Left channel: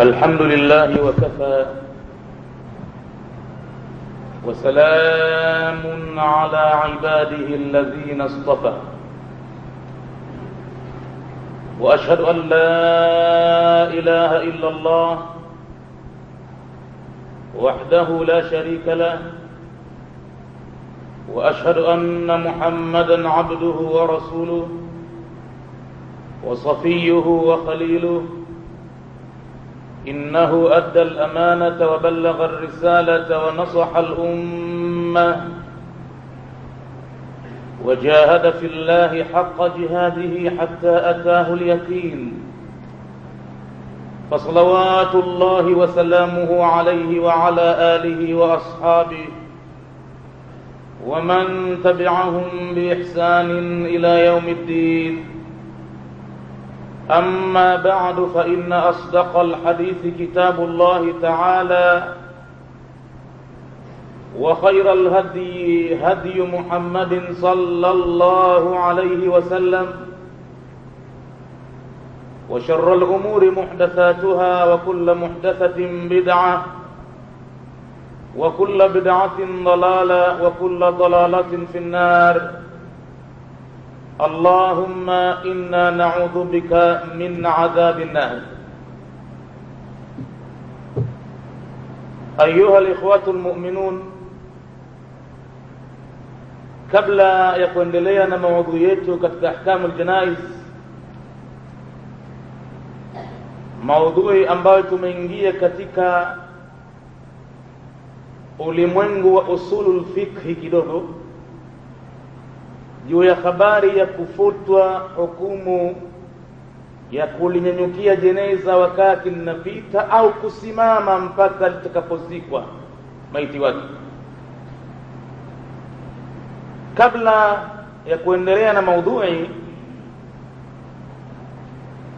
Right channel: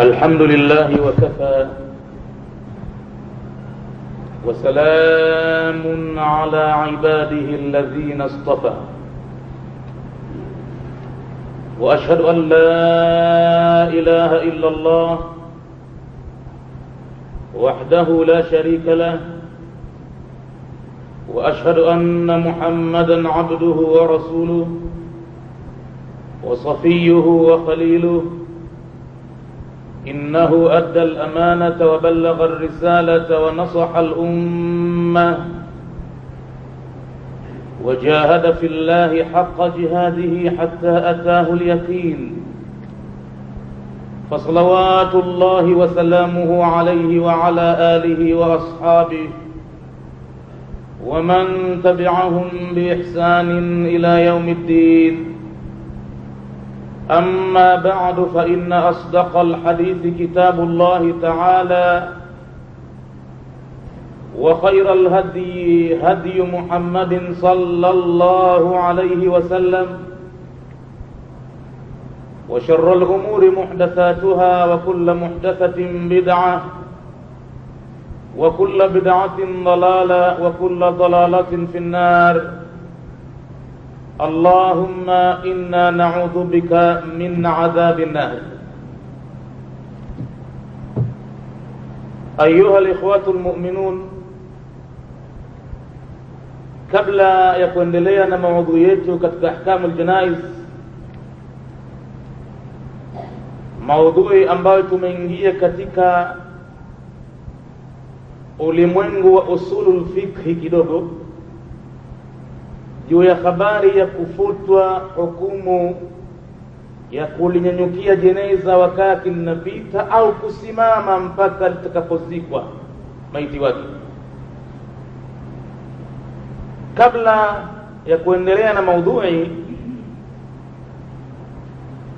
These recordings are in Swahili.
الحمد لله وكفى وسلام على عباده الذين اصطفى وأشهد أن لا إله إلا الله وحده لا شريك له وأشهد أن محمدا عبده ورسوله وصفيه وخليله إنه أدى الأمانة وبلغ الرسالة ونصح الأمة وجاهد في الله حق جهاده حتى أتاه اليقين فصلوات الله وسلامه عليه وعلى آله وأصحابه ومن تبعهم بإحسان إلى يوم الدين. أما بعد فإن أصدق الحديث كتاب الله تعالى وخير الهدي هدي محمد صلى الله عليه وسلم وشر الأمور محدثاتها وكل محدثة بدعة وكل بدعة ضلالة وكل ضلالة في النار. اللهم إنا نعوذ بك من عذاب النار. أيها الإخوة المؤمنون, kabla ya kuendelea na maudhui yetu katika ahkamu aljanaiz, maudhui ambayo tumeingia katika ulimwengu wa usulul fikhi kidogo, juu ya habari ya kufutwa hukumu ya kulinyanyukia jeneza wakati linapita au kusimama mpaka litakapozikwa maiti wake. Kabla ya kuendelea na maudhui,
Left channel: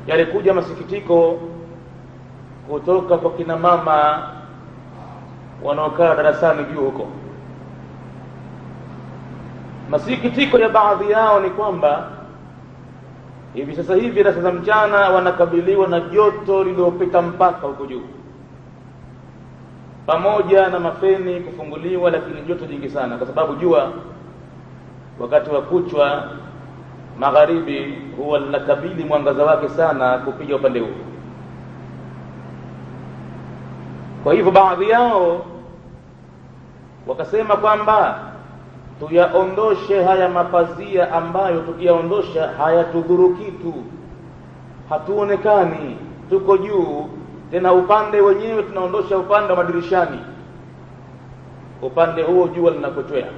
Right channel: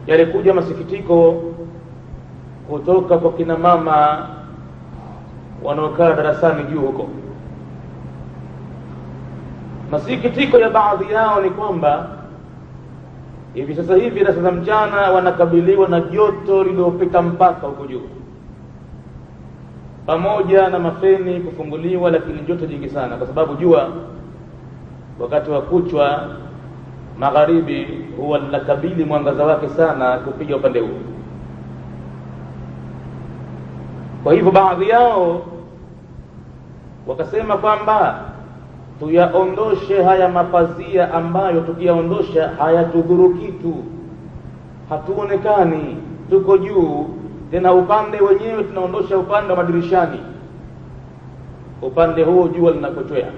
yalikuja masikitiko kutoka kwa kina mama wanaokaa darasani juu huko. Masikitiko ya baadhi yao ni kwamba hivi sasa hivi darasa za mchana wanakabiliwa na joto lililopita mpaka huko juu, pamoja na mafeni kufunguliwa, lakini joto jingi sana, kwa sababu jua wakati wa kuchwa magharibi huwa linakabili mwangaza wake sana kupiga upande huo. Kwa hivyo baadhi yao wakasema kwamba tuyaondoshe haya mapazia ambayo tukiyaondosha hayatudhuru kitu, hatuonekani, tuko juu. Tena upande wenyewe tunaondosha upande wa madirishani, upande huo jua linakochwea.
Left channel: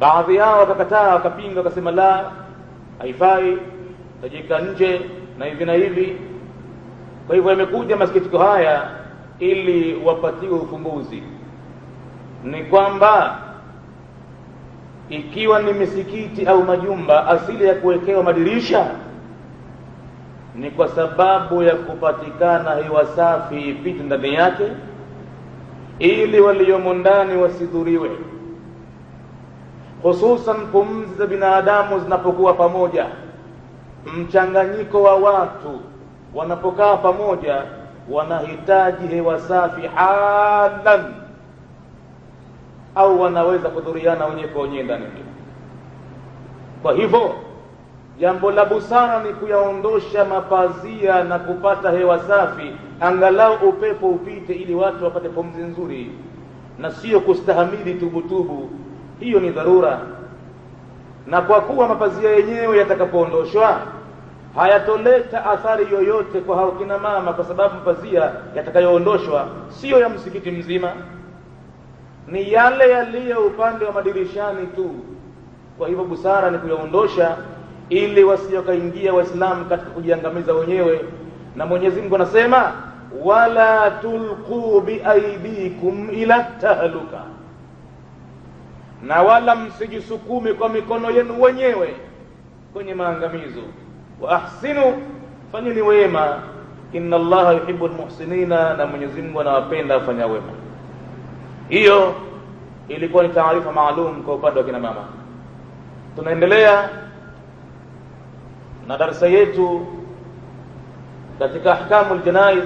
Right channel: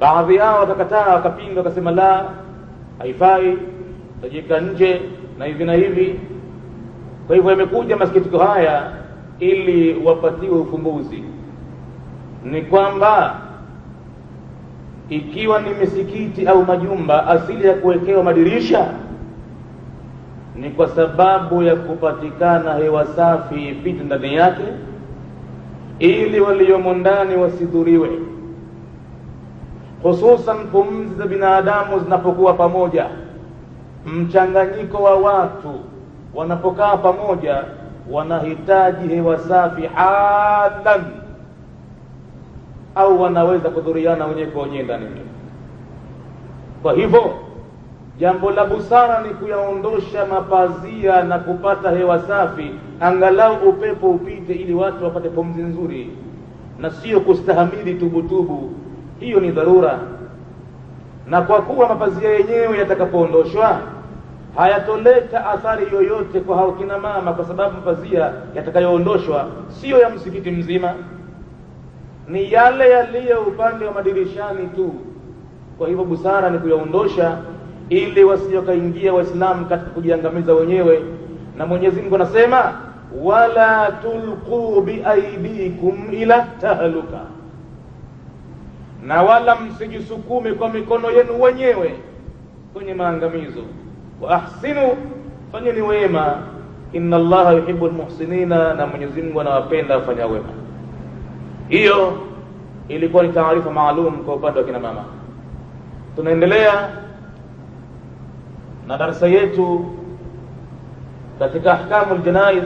Baadhi yao wakakataa, wakapinga, wakasema la, haifai, tajika nje na hivi na hivi. Kwa hivyo yamekuja masikitiko haya ili wapatiwe ufumbuzi. Ni kwamba ikiwa ni misikiti au majumba, asili ya kuwekewa madirisha ni kwa sababu ya kupatikana hewa safi ipite ndani yake, ili waliomo ndani wasidhuriwe, hususan pumzi za binadamu zinapokuwa pamoja. Mchanganyiko wa watu wanapokaa pamoja wanahitaji hewa safi halan, au wanaweza kudhuriana wenyewe kwa wenyewe ndani. Kwa hivyo jambo la busara ni kuyaondosha mapazia na kupata hewa safi, angalau upepo upite, ili watu wapate pumzi nzuri, na sio kustahamili tubutubu. Hiyo ni dharura. Na kwa kuwa mapazia yenyewe yatakapoondoshwa hayatoleta athari yoyote kwa hao kina mama, kwa sababu mapazia yatakayoondoshwa sio ya msikiti mzima, ni yale yaliyo upande wa madirishani tu. Kwa hivyo busara ni kuyaondosha, ili wasiokaingia Waislamu katika kujiangamiza wenyewe. Na Mwenyezi Mungu anasema, wala tulqu biaidikum ila tahluka, na wala msijisukume kwa mikono yenu wenyewe kwenye maangamizo. Wa ahsinu, fanyeni wema, inna Allaha yuhibbul muhsinina, na Mwenyezi Mungu anawapenda wafanya wema. Hiyo ilikuwa ni taarifa maalum kwa upande wa kina mama. Tunaendelea na darasa yetu katika ahkamul janaiz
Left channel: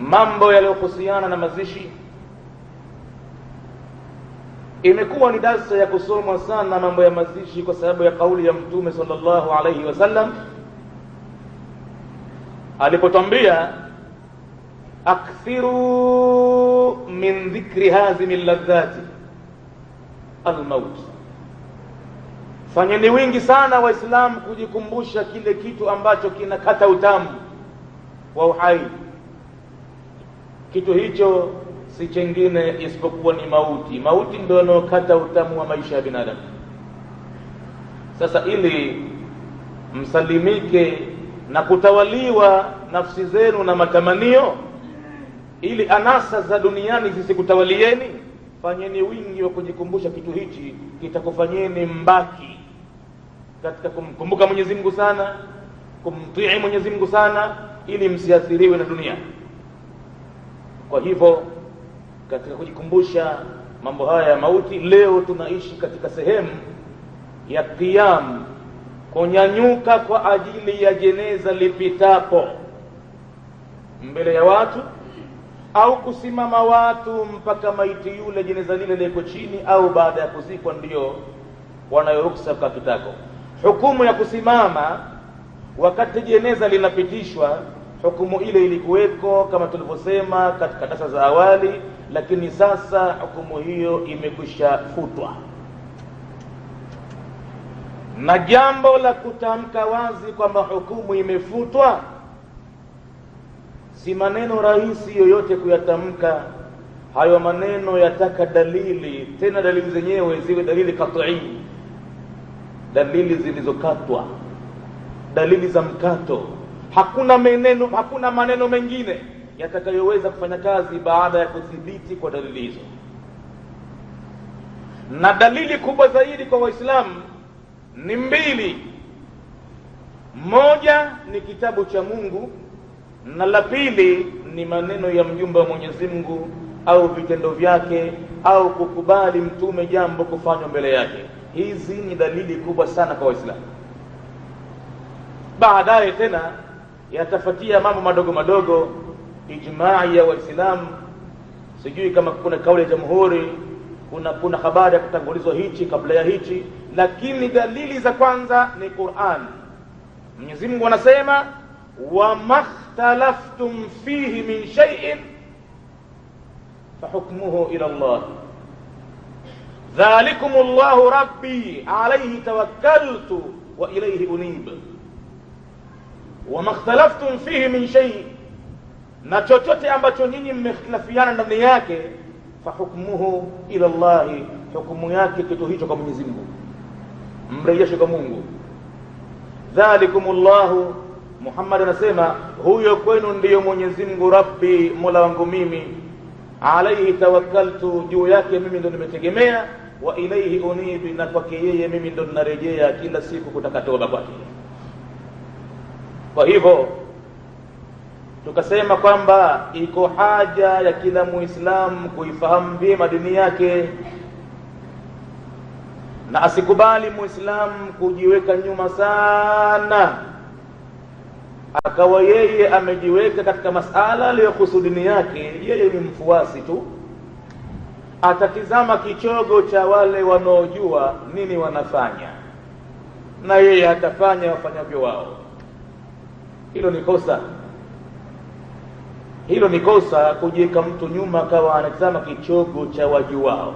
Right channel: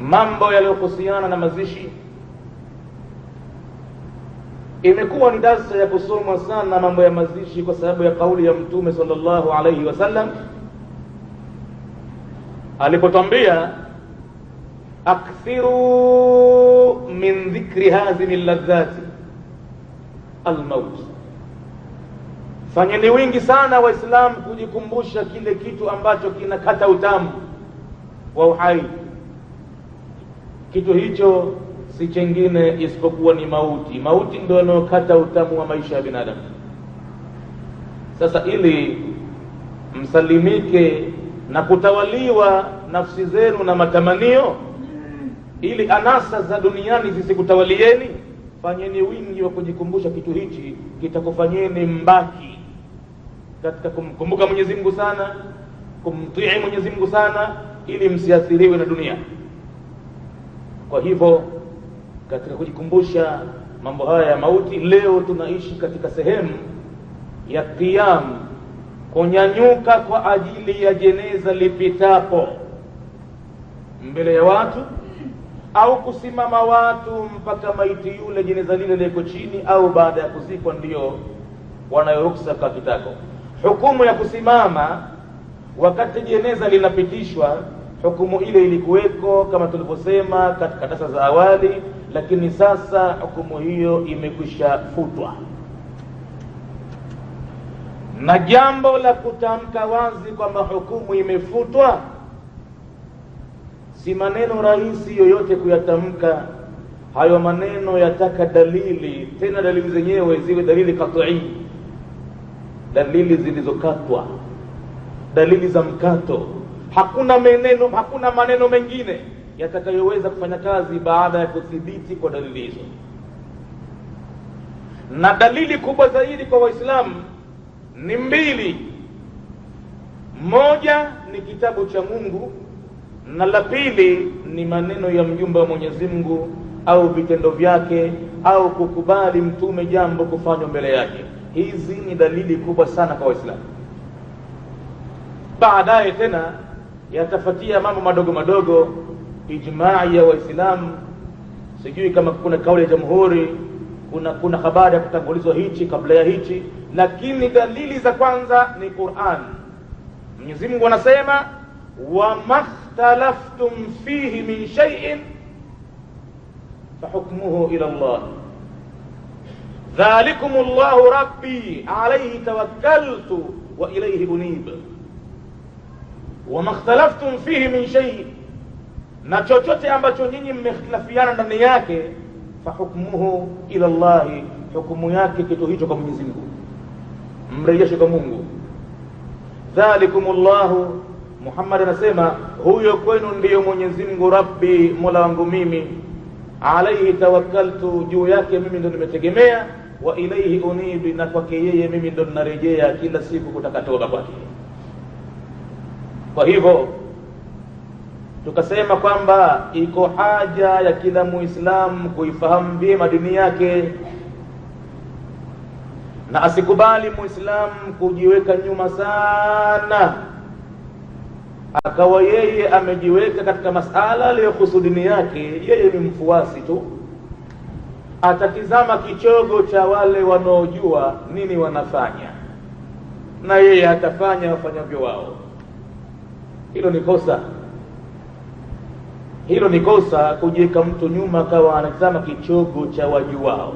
mambo yaliyohusiana na mazishi imekuwa ni darsa ya kusomwa sana mambo ya mazishi, kwa sababu ya kauli ya Mtume sallallahu alayhi wasallam alipotwambia akthiru min dhikri hazimi ladhati almaut, fanyeni wingi sana Waislamu kujikumbusha kile kitu ambacho kinakata utamu wa uhai. Kitu hicho si chengine isipokuwa ni mauti. Mauti ndio inayokata utamu wa maisha ya binadamu. Sasa ili msalimike na kutawaliwa nafsi zenu na matamanio, ili anasa za duniani zisikutawalieni, fanyeni wingi wa kujikumbusha kitu hichi, kitakufanyeni mbaki katika kumkumbuka Mwenyezi Mungu sana, kumtii Mwenyezi Mungu sana, ili msiathiriwe na dunia. Kwa hivyo katika kujikumbusha mambo haya ya mauti, leo tunaishi katika sehemu ya qiyam, kunyanyuka kwa ajili ya jeneza lipitapo mbele ya watu, au kusimama watu mpaka maiti yule jeneza lile liko chini, au baada ya kuzikwa ndio wanayoruksa kwa kitako. Hukumu ya kusimama wakati jeneza linapitishwa, hukumu ile ilikuweko kama tulivyosema katika darasa za awali, lakini sasa hukumu hiyo imekwisha futwa. Na jambo la kutamka wazi kwamba hukumu imefutwa si maneno rahisi yoyote kuyatamka. Hayo maneno yataka dalili, tena dalili zenyewe ziwe dalili qat'i, dalili zilizokatwa, dalili za mkato. Hakuna maneno mengine yatakayoweza kufanya kazi baada ya kuthibiti kwa dalili hizo. Na dalili kubwa zaidi kwa Waislamu ni mbili. Moja ni kitabu cha Mungu, na la pili ni maneno ya mjumbe wa Mwenyezi Mungu au vitendo vyake, au kukubali mtume jambo kufanywa mbele yake. Hizi ni dalili kubwa sana kwa Waislamu. Baadaye tena yatafuatia mambo madogo madogo, ijma'i ya Waislamu, sijui kama kuna kauli ya jamhuri, kuna habari ya kutangulizwa hichi kabla ya hichi, lakini dalili za kwanza ni Qur'an. Mwenyezi Mungu anasema wa makhtalaftum fihi min shay'in fahukmuhu ila Allah dhalikumullahu rabbi alayhi tawakkaltu wa ilayhi unib. Wa makhtalaftum fihi min shay'in, na chochote ambacho nyinyi mmehitilafiana ndani yake, fahukmuhu ila Allah, hukumu yake kitu hicho kwa Mwenyezi Mungu, mrejeshe kwa Mungu. Dhalikumullahu, Muhammad anasema huyo kwenu ndiyo Mwenyezi Mungu, rabbi, mola wangu mimi, alayhi tawakkaltu, juu yake mimi ndo nimetegemea, wa ilayhi unibi, na kwake yeye mimi ndo ninarejea kila siku kutaka toba kwake. Kwa hivyo tukasema kwamba iko haja ya kila Muislamu kuifahamu vyema dini yake, na asikubali Muislamu kujiweka nyuma sana, akawa yeye amejiweka katika masala aliyohusu dini yake, yeye ni mfuasi tu, atatizama kichogo cha wale wanaojua nini wanafanya, na yeye atafanya wafanyavyo wao. Hilo ni kosa. Hilo ni kosa, kujiweka mtu nyuma akawa anatazama kichogo cha wajuao.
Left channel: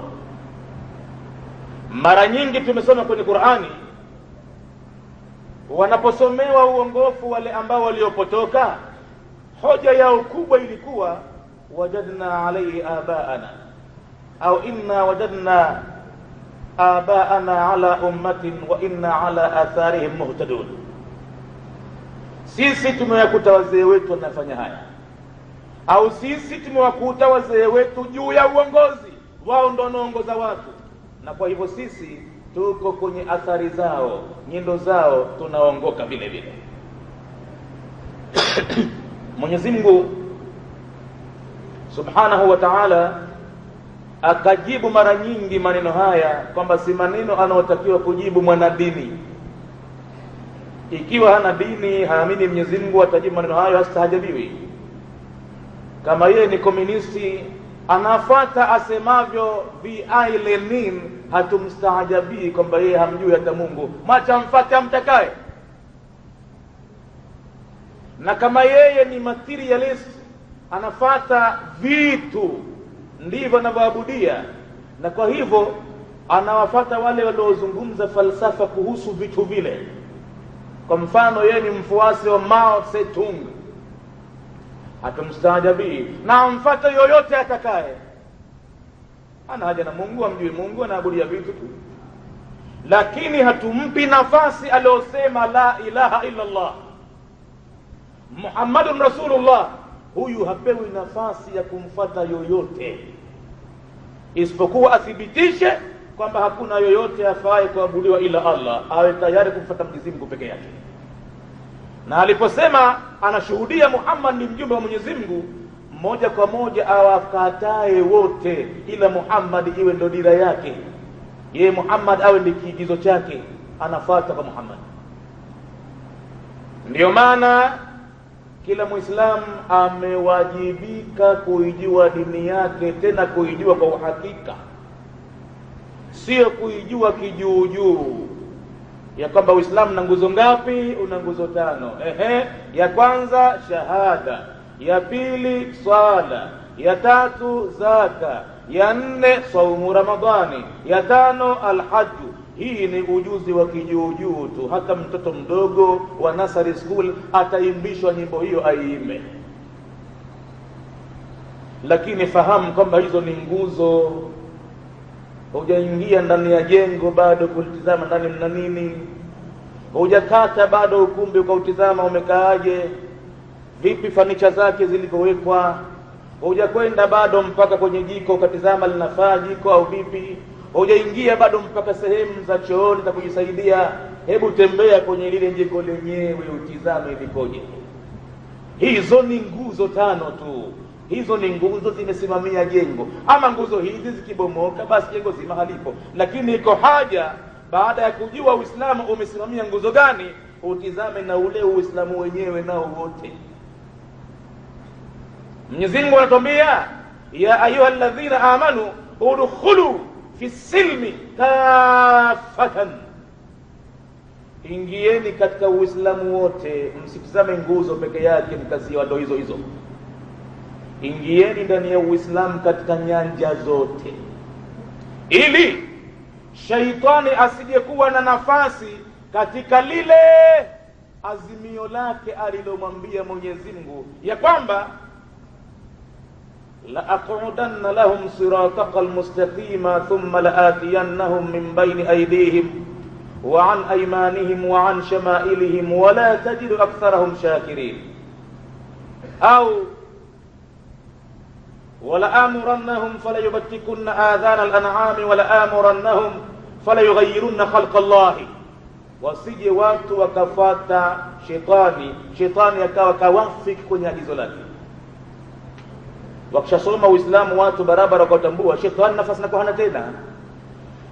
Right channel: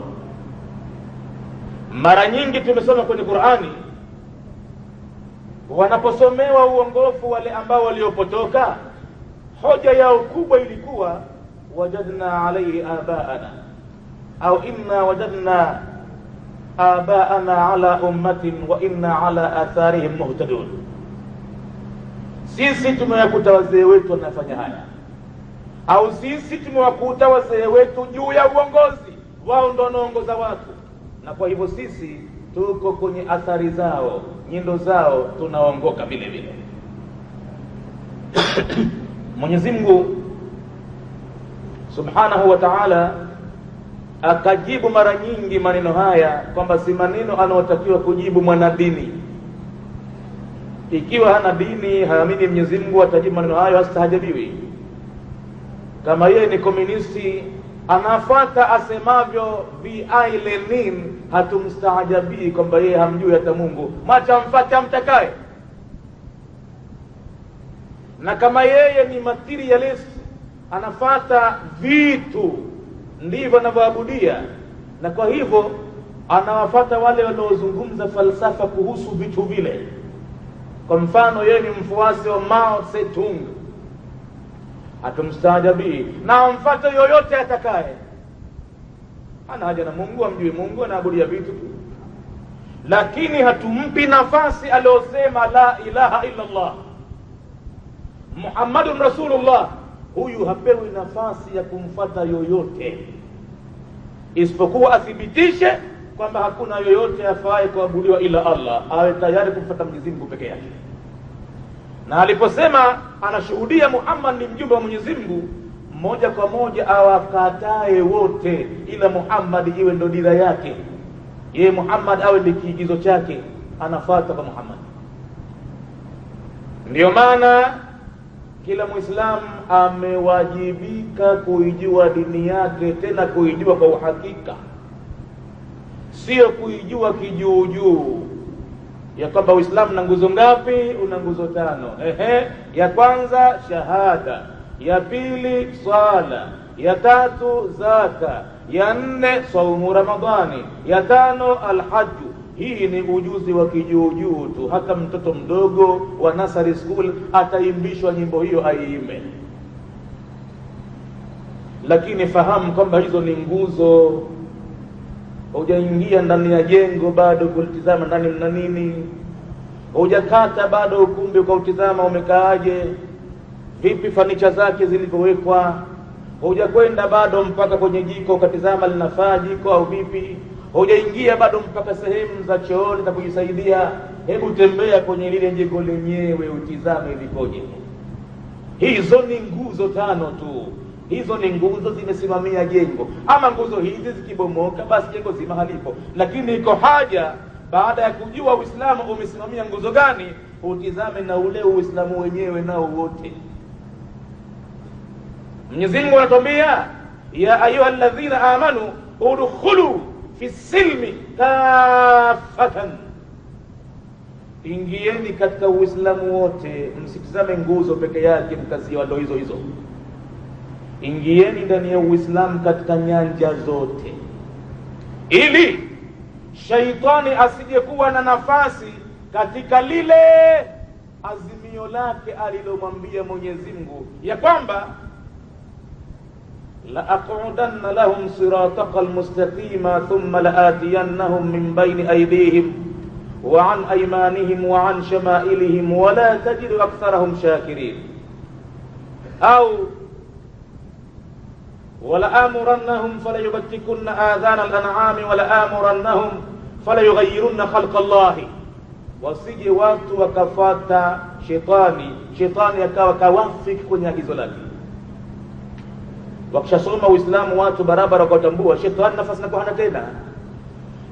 Mara nyingi tumesoma kwenye Qur'ani, wanaposomewa uongofu wale ambao waliopotoka, hoja yao kubwa ilikuwa wajadna alayhi abaana, au inna wajadna abaana ala ummatin wa inna ala atharihim muhtadun. Sisi tumewakuta wazee wetu wanafanya haya, au sisi tumewakuta wazee wetu juu ya uongozi wao, ndio wanaongoza watu, na kwa hivyo sisi tuko kwenye athari zao, nyendo zao, tunaongoka vile vile. Mwenyezi Mungu Subhanahu wa Ta'ala akajibu mara nyingi maneno haya kwamba si maneno anayotakiwa kujibu mwanadini, Ikiwa hana dini, haamini Mwenyezi Mungu, atajibu maneno hayo, hastahajadiwi. Kama yeye ni komunisti, anafuata asemavyo V.I. Lenin, hatumstahajabii kwamba yeye hamjui hata Mungu. Macha mfate amtakaye. Na kama yeye ni materialist, anafuata vitu, ndivyo anavyoabudia, na kwa hivyo anawafuata wale waliozungumza falsafa kuhusu vitu vile. Kwa mfano, yeye ni mfuasi wa Mao Tse-tung, hatumstaajabii, na amfuate yoyote atakaye. Ana haja na Mungu, amjui Mungu, anaabudia vitu tu. Lakini hatumpi nafasi aliosema la ilaha illa Allah Muhammadun Rasulullah. Huyu hapewi nafasi ya kumfuata yoyote, isipokuwa athibitishe kwamba hakuna yoyote afaaye kuabudiwa ila Allah, awe tayari kumfuata Mwenyezi Mungu peke yake. Na aliposema anashuhudia Muhammad ni mjumbe wa Mwenyezi Mungu, moja kwa moja awakatae wote, ila Muhammad iwe ndo dira yake, yeye Muhammad awe ni kiigizo chake, anafuata kwa Muhammad. Ndiyo maana kila Muislamu amewajibika kuijua dini yake, tena kuijua kwa uhakika, sio kuijua kijuujuu, ya kwamba Uislamu na nguzo ngapi? Una nguzo 5. Ya kwanza shahada, ya pili swala, ya 3 zaka, ya 4 saumu Ramadhani, ya 5 alhaju. Hii ni ujuzi wa kijuujuu tu. Hata mtoto mdogo wa nursery school ataimbishwa nyimbo hiyo aiimbe. Lakini fahamu kwamba hizo ni nguzo. Hujaingia ndani ya jengo bado kulitizama ndani mna nini, hujakata bado ukumbi ukautizama umekaaje, vipi fanicha zake zilivyowekwa, hujakwenda bado mpaka kwenye jiko ukatizama linafaa jiko au vipi, hujaingia bado mpaka sehemu za chooni za kujisaidia. Hebu tembea kwenye lile jengo lenyewe utizame likoje. Hizo ni nguzo 5 tu. Hizo ni nguzo zimesimamia jengo. Ama nguzo hizi zikibomoka, basi jengo zima halipo. Lakini iko haja, baada ya kujua Uislamu umesimamia nguzo gani, utizame na ule Uislamu wenyewe nao wote. Mwenyezi Mungu anatuambia, ya ayuha alladhina amanu udkhulu fi silmi kafatan, ingieni katika Uislamu wote, msitizame nguzo peke yake mkazia ndo hizo hizo. Ingieni ndani ya Uislamu katika nyanja zote, ili shaitani asije kuwa na nafasi katika lile azimio lake alilomwambia Mwenyezi Mungu ya kwamba la aqudanna lahum siratal mustaqima thumma laatiyannahum min bayni aydihim wa an aymanihim wa an shama'ilihim wa la tajidu aktharahum shakirin, au وَلَآمُرَنَّهُمْ فَلَيُبَتِّكُنَّ آذَانَ الْأَنْعَامِ وَلَآمُرَنَّهُمْ فَلَيُغَيِّرُنَّ خَلْقَ اللَّهِ. Wasije watu wakafata shetani akawa kawafiki kwenye agizo lake. Wakishasoma Uislamu watu barabara wakatambua shetani nafasi na hana tena,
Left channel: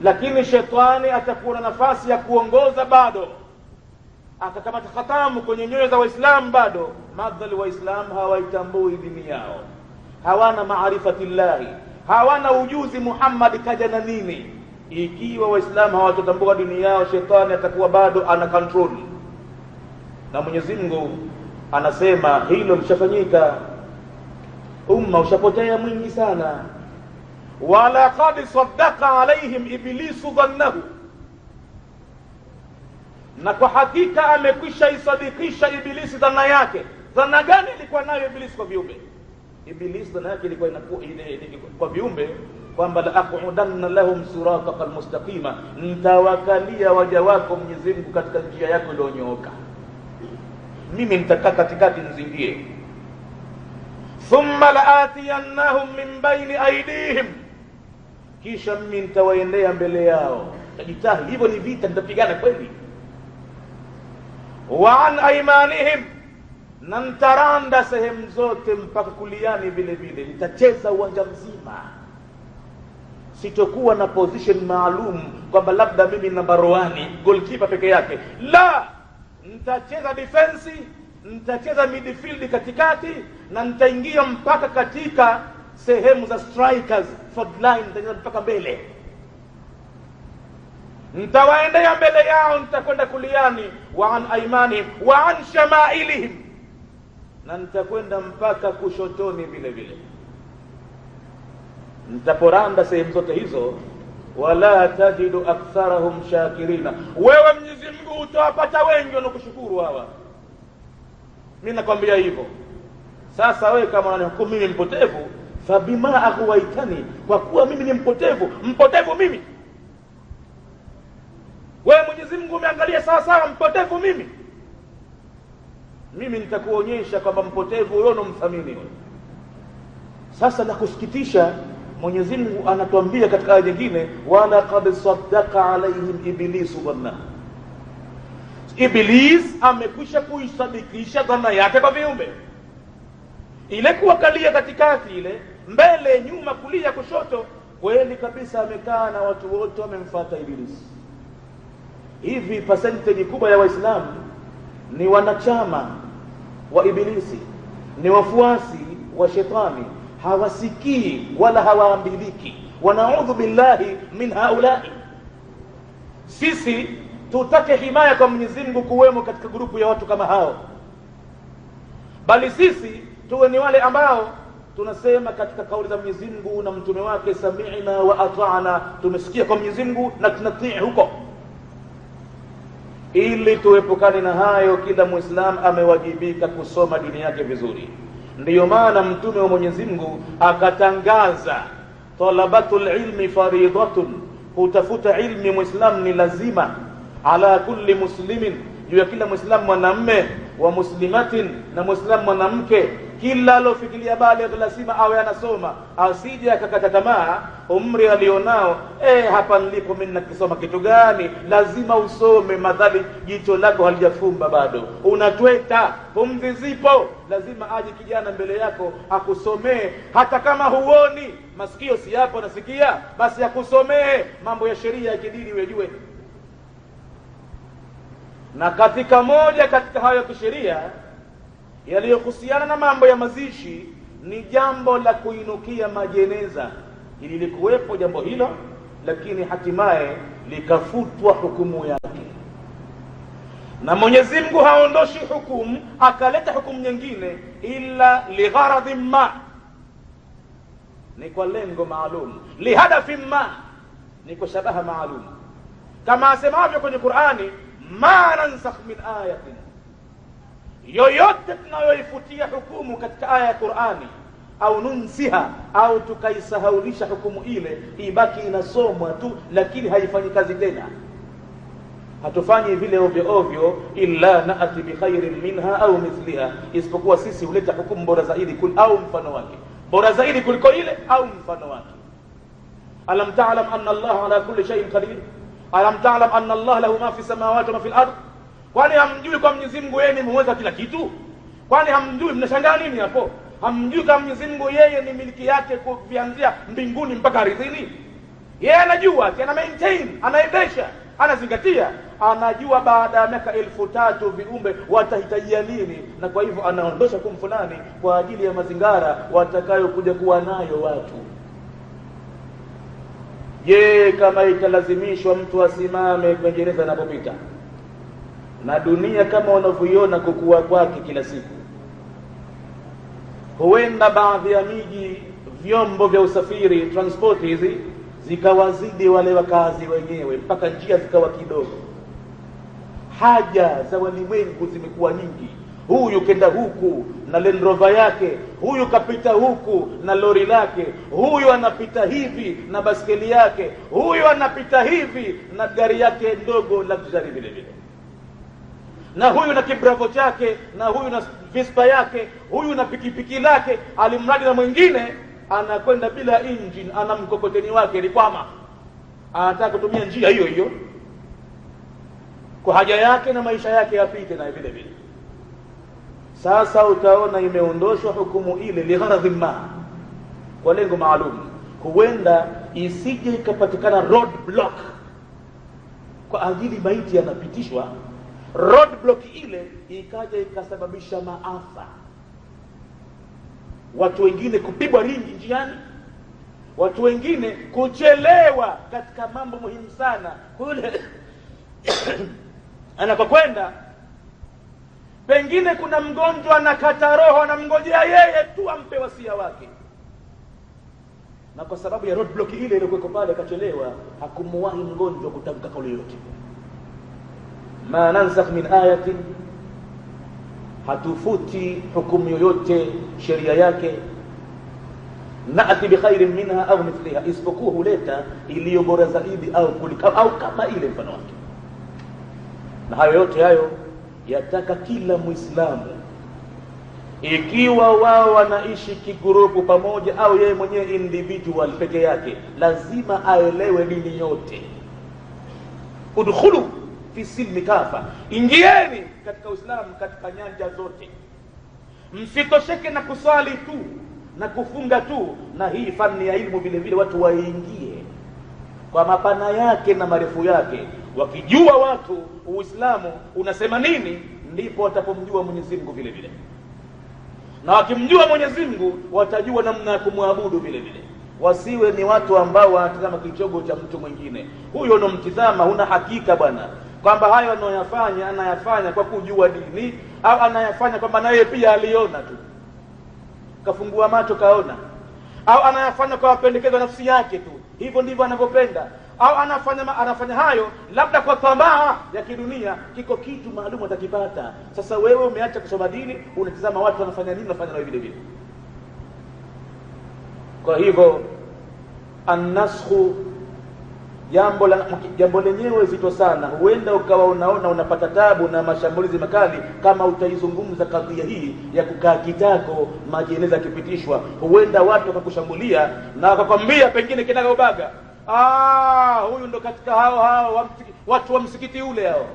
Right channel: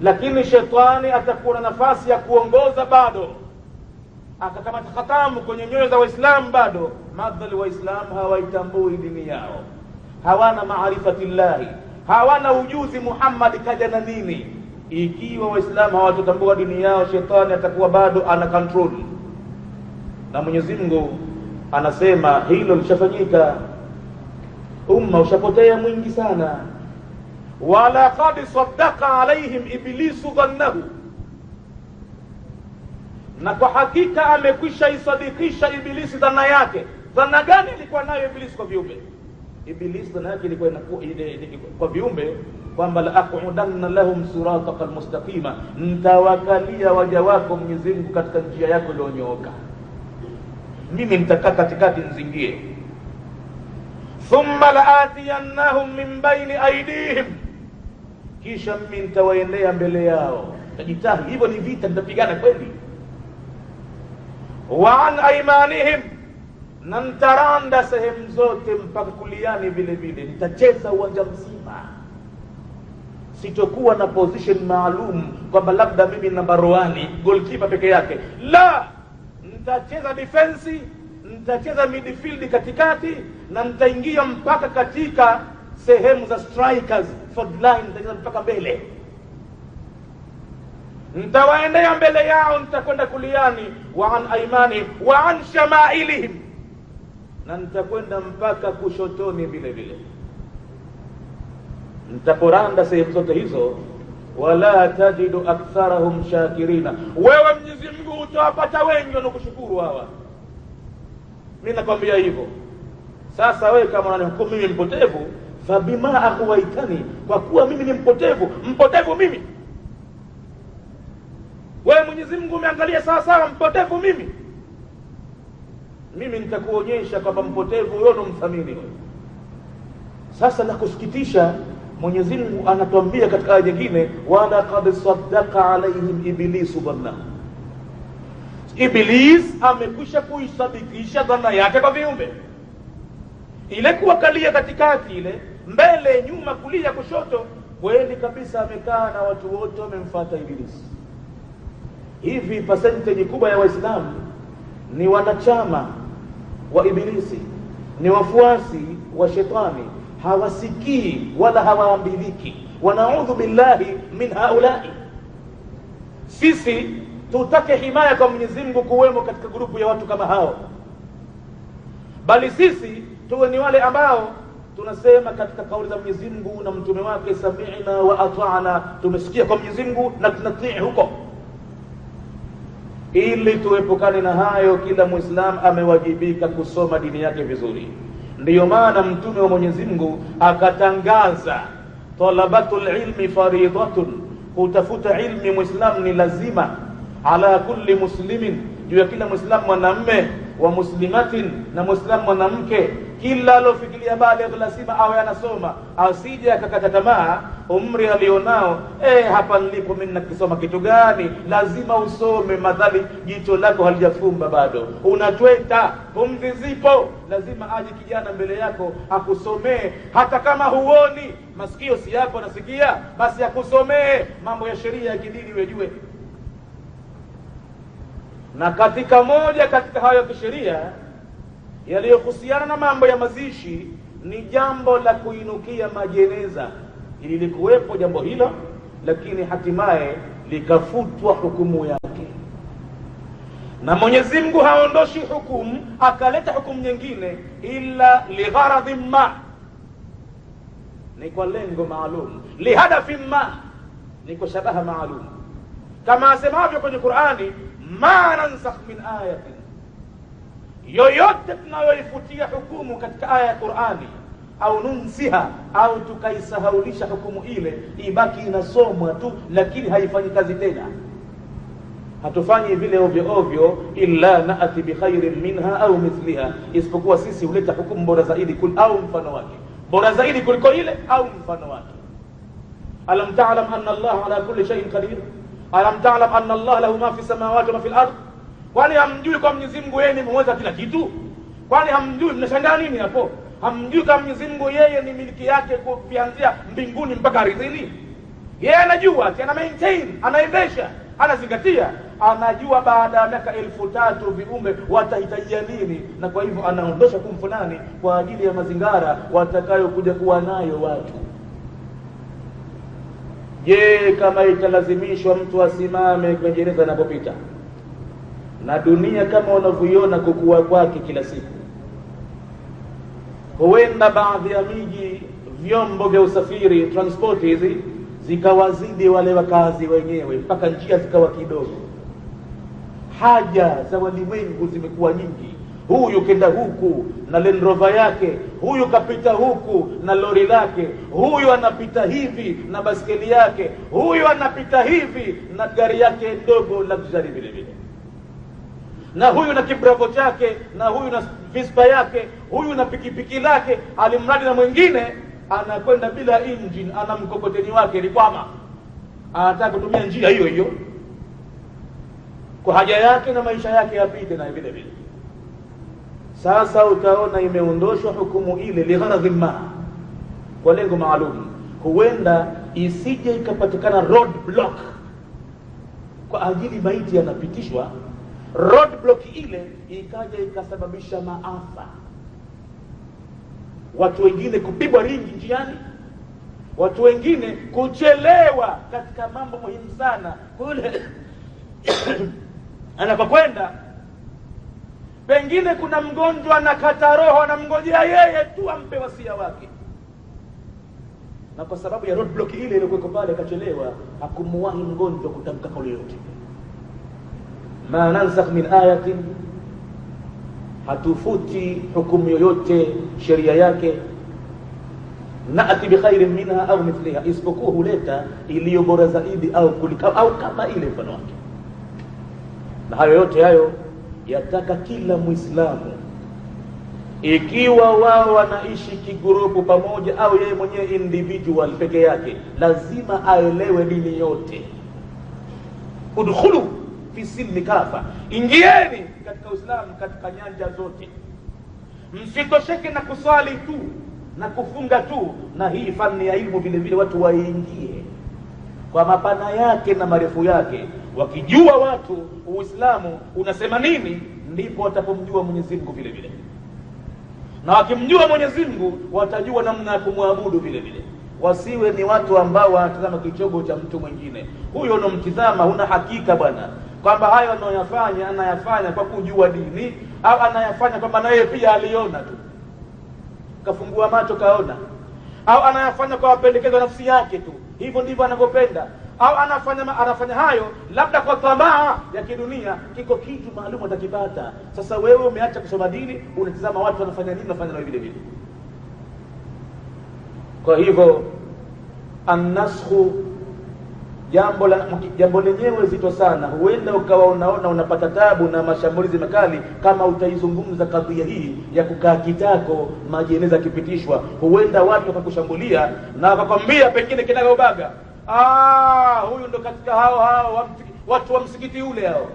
lakini shetani atakuwa na nafasi ya kuongoza bado, akakamata khatamu kwenye nyoyo za Waislamu bado. Madhali Waislamu hawaitambui dini yao, hawana maarifatillahi, hawana ujuzi Muhammad kaja na nini. Ikiwa Waislamu hawatotambua dini yao, shetani atakuwa bado ana control. Na Mwenyezi Mungu anasema hilo lishafanyika, umma ushapotea mwingi sana. Wala qad saddaqa alaihim iblisu dhannahu, na kwa hakika amekwisha isadikisha Ibilisi dhana yake. Dhana gani ilikuwa nayo Ibilisi kwa viumbe? Ibilisi dhana yake ilikuwa kwa viumbe kwamba la aqudanna lahum siratal mustaqima, nitawakalia waja wako Mwenyezi Mungu katika njia yako iliyonyooka, mimi nitakaa katikati nzingie. Thumma laatiyannahum min baini aydihim, kisha mimi nitawaendea mbele yao. Tajitahi hivyo ni vita, nitapigana kweli. Wa an aymanihim, na nitaranda sehemu zote mpaka kuliani vile vile, nitacheza uwanja mzima. Sitokuwa na position maalum kwamba labda mimi namba 1 goalkeeper peke yake, la, nitacheza defense, nitacheza midfield katikati, na nitaingia mpaka katika sehemu za strikers, forward line, nitacheza mpaka mbele. Nitawaendea mbele yao, nitakwenda kuliani, wa an aimani wa an shamailihim, na nitakwenda mpaka kushotoni vile vile. Nitaporanda sehemu zote hizo. Wala tajidu aktharahum shakirina, wewe Mwenyezi Mungu utawapata wengi wanakushukuru hawa. Mimi nakwambia hivyo. Sasa wewe kama unanihukumu mimi mpotevu, fabima aghwaitani, kwa kuwa mimi ni mpotevu mimi, wewe Mwenyezi Mungu umeangalia sawa sawa mpotevu mimi nitakuonyesha kwamba mpotevu wewe unamthamini. Sasa la kusikitisha, Mwenyezi Mungu anatuambia katika aya nyingine, wala qad saddaqa alaihim iblisu dhanna, Iblis amekwisha kuisadikisha dhana yake kwa viumbe. Ile kuwakalia katikati, ile mbele nyuma kulia kushoto, kweli kabisa amekaa na watu wote wamemfuata Iblis. Hivi percentage kubwa ya Waislamu ni wanachama wa Ibilisi, ni wafuasi wa shetani, hawasikii wala hawaambiliki. Wanaudhu billahi min haulai. Sisi tutake himaya kwa Mwenyezi Mungu kuwemo katika grupu ya watu kama hao, bali sisi tuwe ni wale ambao tunasema katika kauli za Mwenyezi Mungu na mtume wake, sami'na wa ata'na, tumesikia kwa Mwenyezi Mungu na tunatii huko. Ili tuepukane na hayo, kila Muislamu amewajibika kusoma dini yake vizuri. Ndiyo maana mtume wa Mwenyezi Mungu akatangaza, talabatul ilmi faridatun, kutafuta ilmi Muislamu ni lazima, ala kulli muslimin, juu ya kila Muislamu mwanamume, wa muslimatin, na Muislamu mwanamke. Kila alofikiria bali lazima awe anasoma, asije akakata tamaa umri alionao. Hapa nilipo mimi nakisoma kitu gani? Lazima usome, madhali jicho lako halijafumba bado, unatweta, pumzi zipo. Lazima aje kijana mbele yako akusomee, hata kama huoni, masikio si yako nasikia, basi akusomee mambo ya sheria ya kidini ujue. Na katika moja katika hayo ya sheria yaliyohusiana na mambo ya mazishi ni jambo la kuinukia majeneza. Ili likuwepo jambo hilo, lakini hatimaye likafutwa hukumu yake, na Mwenyezi Mungu haondoshi hukumu akaleta hukumu nyingine illa ligharadhin ma, ni kwa lengo maalum, lihadafin ma, ni kwa shabaha maalum. Kama asemavyo kwenye Qur'ani, ma nansakh min ayatin, yoyote tunayoifutia hukumu katika aya ya Qur'ani, au nunsiha, au tukaisahaulisha hukumu ile, ibaki inasomwa tu lakini haifanyi kazi tena. Hatufanyi vile ovyo ovyo, illa naati bi khairin minha au mithliha, isipokuwa sisi huleta hukumu bora zaidi au mfano wake, bora zaidi kuliko ile au mfano wake. Alam ta'lam anna Allah ala kulli shay'in qadir, alam ta'lam anna Allah lahu ma fi samawati wa ma fil ardh. Kwani hamjui kwa Mwenyezi Mungu yeye ni muweza kila kitu? Kwani hamjui? Mnashangaa nini hapo? Hamjui kama Mwenyezi Mungu yeye ni miliki yake kuanzia mbinguni mpaka ardhini? Yeye anajua, ana maintain, anaendesha, anazingatia, anajua baada ya miaka 3000 viumbe watahitajia nini, na kwa hivyo anaondosha kumfunani kwa ajili ya mazingara watakayokuja kuwa nayo watu. Je, kama italazimishwa mtu asimame kwenye gereza anapopita, na dunia kama unavyoiona kukua kwake kila siku, huenda baadhi ya miji vyombo vya usafiri, transport hizi, zikawazidi wale wakazi wenyewe, mpaka njia zikawa kidogo. Haja za walimwengu zimekuwa nyingi. Huyu kenda huku na Land Rover yake, huyu kapita huku na lori lake, huyu anapita hivi na baskeli yake, huyu anapita hivi na gari yake ndogo luxury vile vile, na huyu na kibravo chake, na huyu na Vespa yake, huyu na pikipiki lake, alimradi na mwingine anakwenda bila engine, ana mkokoteni wake likwama, anataka kutumia njia hiyo hiyo kwa haja yake na maisha yake yapite na vile vile. Sasa utaona imeondoshwa hukumu ile ligharadhi ma, kwa lengo maalum. Huenda isije ikapatikana road block kwa ajili maiti yanapitishwa, roadblock ile ikaja ikasababisha maafa, watu wengine kupigwa ringi njiani, watu wengine kuchelewa katika mambo muhimu sana kule anapokwenda. Pengine kuna mgonjwa anakata roho, anamngojea yeye tu ampe wasia wake, na kwa sababu ya roadblock ile iliyokuwa pale akachelewa, hakumuwahi mgonjwa kutamka kauli yote. Ma nansakh min ayatin, hatufuti hukumu yoyote sheria yake, naati bi khairin minha au mithliha, isipokuwa huleta iliyo bora zaidi au kulika au kama ile mfano wake. Na hayo yote hayo yataka kila Muislamu, ikiwa wao wanaishi kigurupu pamoja au yeye mwenyewe individual peke yake, lazima aelewe dini yote. Udkhulu fi silmi kafa, ingieni katika Uislamu katika nyanja zote. Msitosheke na kuswali tu na kufunga tu, na hii fani ya ilmu vile vile watu waingie kwa mapana yake na marefu yake. Wakijua watu Uislamu unasema nini, ndipo watapomjua Mwenyezi Mungu vile vile, na wakimjua Mwenyezi Mungu watajua namna ya kumwabudu vile vile. Wasiwe ni watu ambao wanatazama kichogo cha mtu mwingine. Huyo unomtizama huna hakika bwana kwamba hayo anayafanya kwa kujua dini, au anayafanya kwamba naye pia aliona tu kafungua macho kaona, au anayafanya kwa mapendekezo nafsi yake tu, hivyo ndivyo anavyopenda, au anafanya hayo labda kwa tamaa ya kidunia, kiko kitu maalum atakipata. Sasa wewe umeacha kusoma dini, unatazama watu wanafanya nini, unafanya nao vile vile. Kwa hivyo annashu, jambo lenyewe zito sana. Huenda ukawa unaona unapata tabu na mashambulizi makali kama utaizungumza kadhia hii ya kukaa kitako majeneza kipitishwa. Huenda watu wakakushambulia na wakakwambia pengine kinagaubaga, huyu ndo katika hao watu wa msikiti ule hao.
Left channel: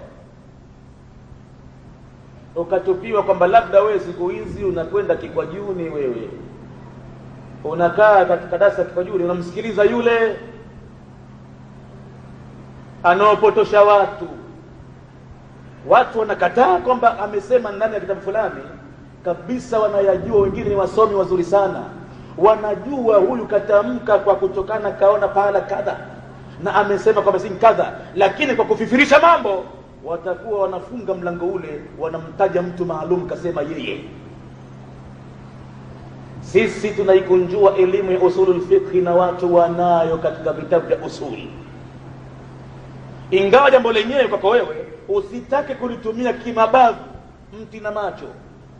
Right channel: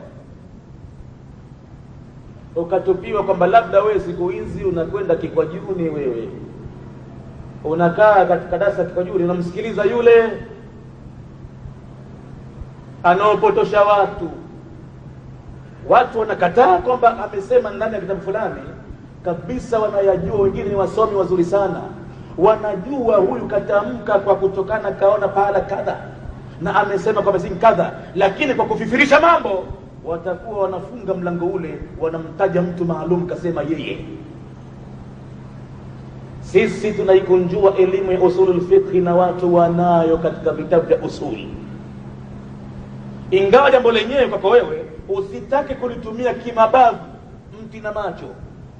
Ukatupiwa kwamba labda wewe siku hizi unakwenda Kikwajuni, wewe unakaa katika darasa Kikwajuni, unamsikiliza yule anaopotosha watu wanakataa kwamba amesema ndani ya kitabu fulani kabisa, wanayajua. Wengine ni wasomi wazuri sana, wanajua huyu katamka kwa kutokana kaona pahala kadha na amesema kwamba si kadha, lakini kwa kufifirisha mambo watakuwa wanafunga mlango ule, wanamtaja mtu maalum kasema yeye. Sisi tunaikunjua elimu ya usulul fiqh na watu wanayo katika vitabu vya usuli, ingawa jambo lenyewe kwako wewe usitake kulitumia kimabavu mti na macho.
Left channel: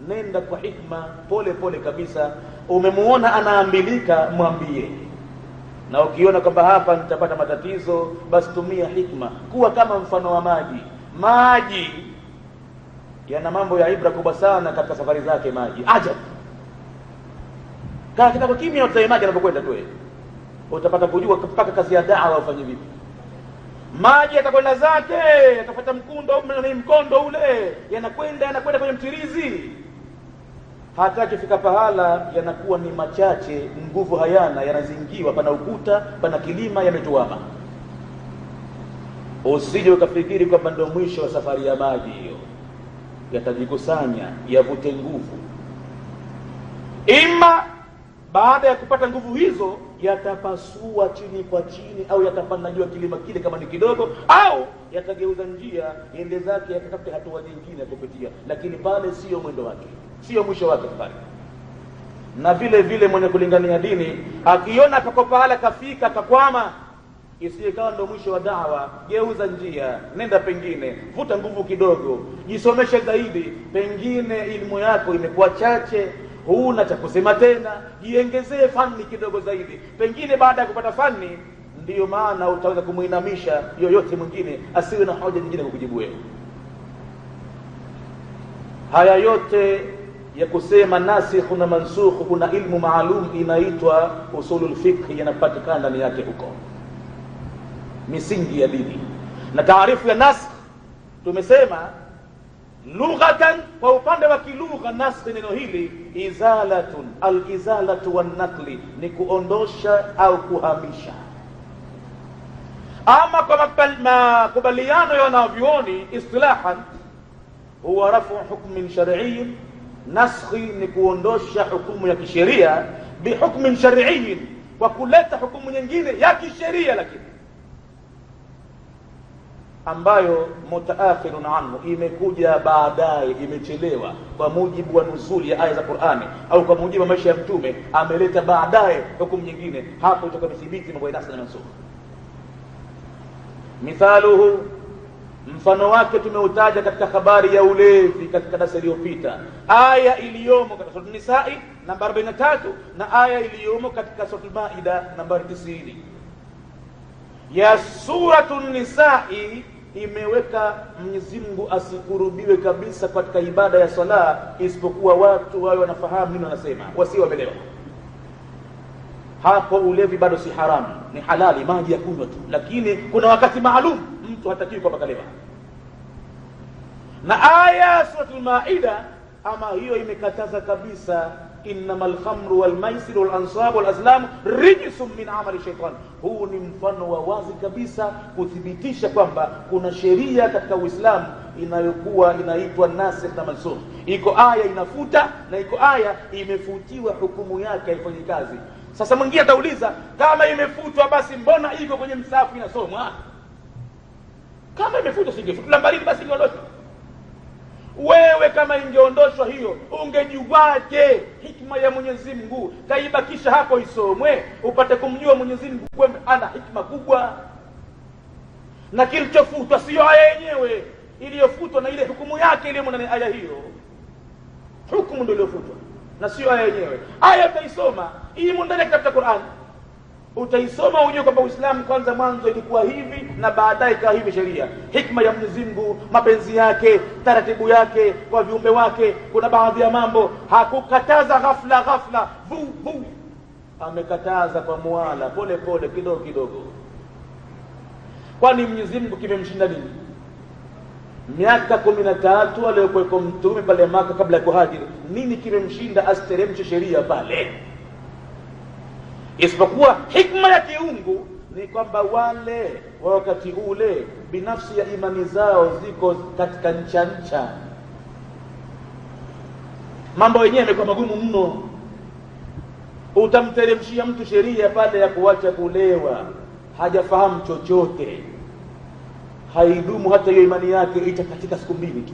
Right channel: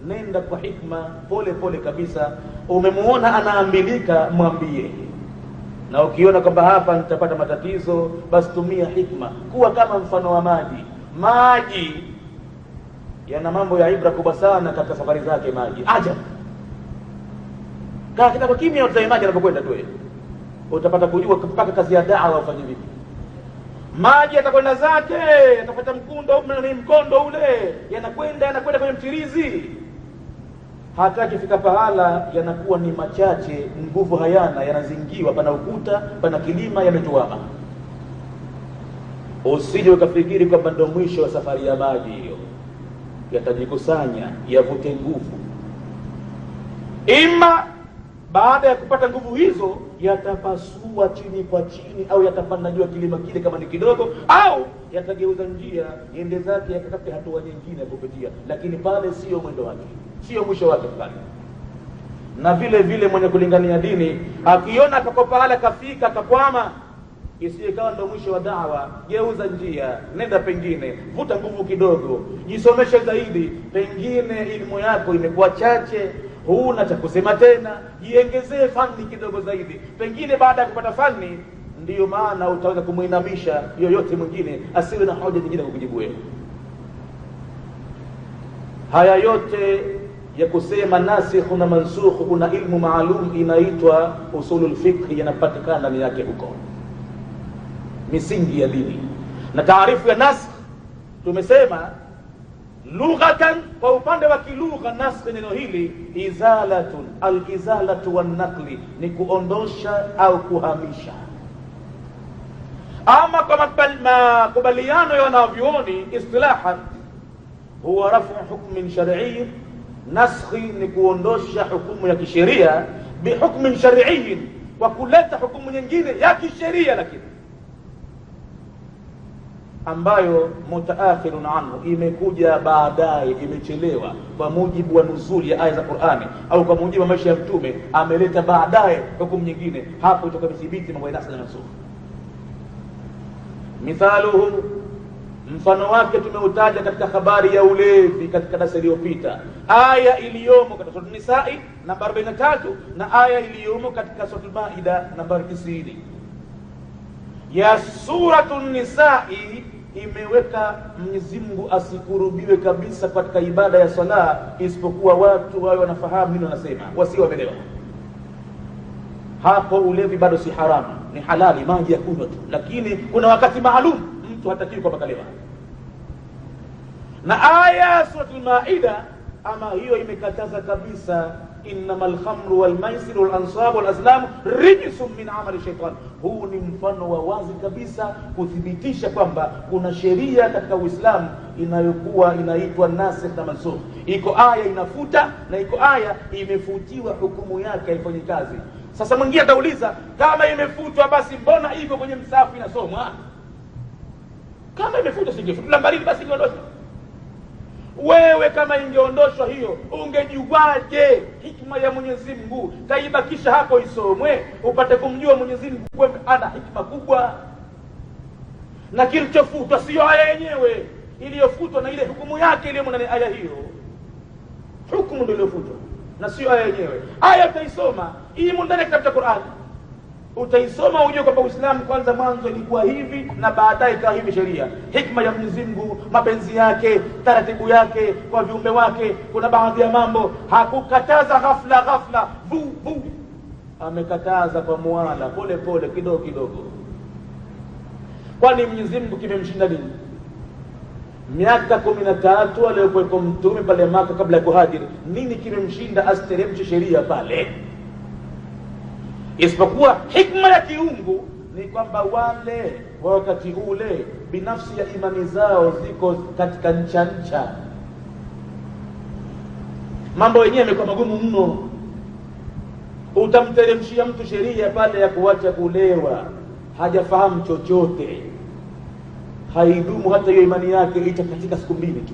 Nenda kwa hikma, pole pole kabisa. Umemuona anaambilika, mwambie. Na ukiona kwamba hapa nitapata matatizo, basi tumia hikma. Kuwa kama mfano wa maji yana mambo ya ibra kubwa sana katika safari zake. Maji ajabu, kaa kitako kimya, utaimaji anapokwenda tu, utapata kujua mpaka kazi ya da'wa ufanye vipi. Maji atakwenda zake, atafuata mkondo ule, yanakwenda kwenye mtirizi, hata kifika pahala yanakuwa ni machache, nguvu hayana, yanazingiwa, pana ukuta, pana kilima, yametuama. Usije ukafikiri kwamba ndio mwisho wa safari ya maji hiyo. Yatajikusanya, yavute nguvu, ima baada ya kupata nguvu hizo yatapasua chini kwa chini, au yatapanda juu kilima kile kama ni kidogo, au yatageuza njia ende zake yakatafute hatua nyingine kupitia, lakini pale sio mwendo wake, sio mwisho wake pale. Na vile vile mwenye kulingania dini akiona akakopahala kafika akakwama, isiye kawa ndo mwisho wa da'wa, geuza njia, nenda pengine, vuta nguvu kidogo, jisomeshe zaidi. Pengine elimu yako imekuwa chache, huna cha kusema tena, jiongezee fani kidogo zaidi. Pengine baada ya kupata fani ndiyo maana utaweza kumuinamisha yoyote mwingine asiwe na hoja nyingine kukujibu wewe. Haya yote ya kusema nasikh na mansukh, kuna ilmu maalum inaitwa usulul fiqh, yanapatikana ndani yake huko misingi ya dini. Na taarifu ya nasikh tumesema lughatan, kwa upande wa kilugha, nasikh neno hili izalatun, al-izalatu wan-naqli ni kuondosha au kuhamisha. Ama kwa makubaliano ya wanavyuoni istilahan, huwa rafu hukmin shar'i, naskhi ni kuondosha hukumu ya kisheria bihukmin shar'i, kwa kuleta hukumu nyingine ya kisheria lakini ambayo mutaakhirun anhu, imekuja baadaye, imechelewa kwa mujibu wa nuzuli ya aya za Qur'ani au kwa mujibu wa maisha ya mtume, ameleta baadaye hukumu nyingine. Hapo itakuthibiti mambo ya nasakh na mansukh. Mithaluhu, mfano wake tumeutaja katika habari ya ulevi katika darasa iliyopita, aya iliyomo katika sura An-Nisaa namba 43 na aya iliyomo katika sura Al-Maida namba 90 ya suratul Nisaa imeweka Mwenyezi Mungu asikurubiwe kabisa katika ibada ya sala, isipokuwa watu wao wanafahamu nini wanasema, wasio wamelewa. Hapo ulevi bado si haramu, ni halali, maji ya kunywa tu, lakini kuna wakati maalum mtu hatakiwi kwa bakalewa. Na aya suratul Maida ama hiyo imekataza kabisa, innamal khamru wal maisiru wal ansabu wal azlamu rijsun min amali shaytan. Huu ni mfano wa wazi kabisa kuthibitisha kwamba kuna sheria katika Uislamu inayokuwa inaitwa nasikh na mansukh. Iko aya inafuta na iko aya imefutiwa, hukumu yake haifanyi kazi. Sasa mwingine atauliza, kama imefutwa basi mbona iko kwenye msahafu inasomwa? Kama imefutwa singefutwa mbali basi ingeondoshwa. Wewe kama ingeondoshwa hiyo, ungejuaje hikma ya Mwenyezi Mungu kaibakisha hapo isomwe, upate kumjua Mwenyezi Mungu kwamba ana hikma kubwa? Na kilichofutwa sio aya yenyewe, iliyofutwa na ile hukumu yake ile ndani aya hiyo. Hukumu ndio iliyofutwa na sio aya yenyewe. Aya utaisoma hii ndani ya kitabu cha Qur'an, utaisoma ujue kwamba Uislamu kwanza mwanzo ilikuwa hivi na baadaye ikawa hivi sheria. Hikma ya Mwenyezi Mungu, mapenzi yake, taratibu yake kwa viumbe wake, kuna baadhi ya mambo hakukataza ghafla bu, amekataza kwa muala, pole pole, kidogo kidogo. Kwani Mwenyezi Mungu kimemshinda nini? Miaka 13 aliyokuwa mtume pale Maka kabla ya kuhajiri, nini kimemshinda asteremshe sheria pale? Isipokuwa hikma ya kiungu ni kwamba wale wakati ule binafsi ya imani zao ziko katika ncha, mambo yenyewe yamekuwa magumu mno. Utamteremshia mtu sheria pale ya kuacha kulewa, hajafahamu chochote, haidumu hata hiyo imani yake, itakatika siku 2 tu.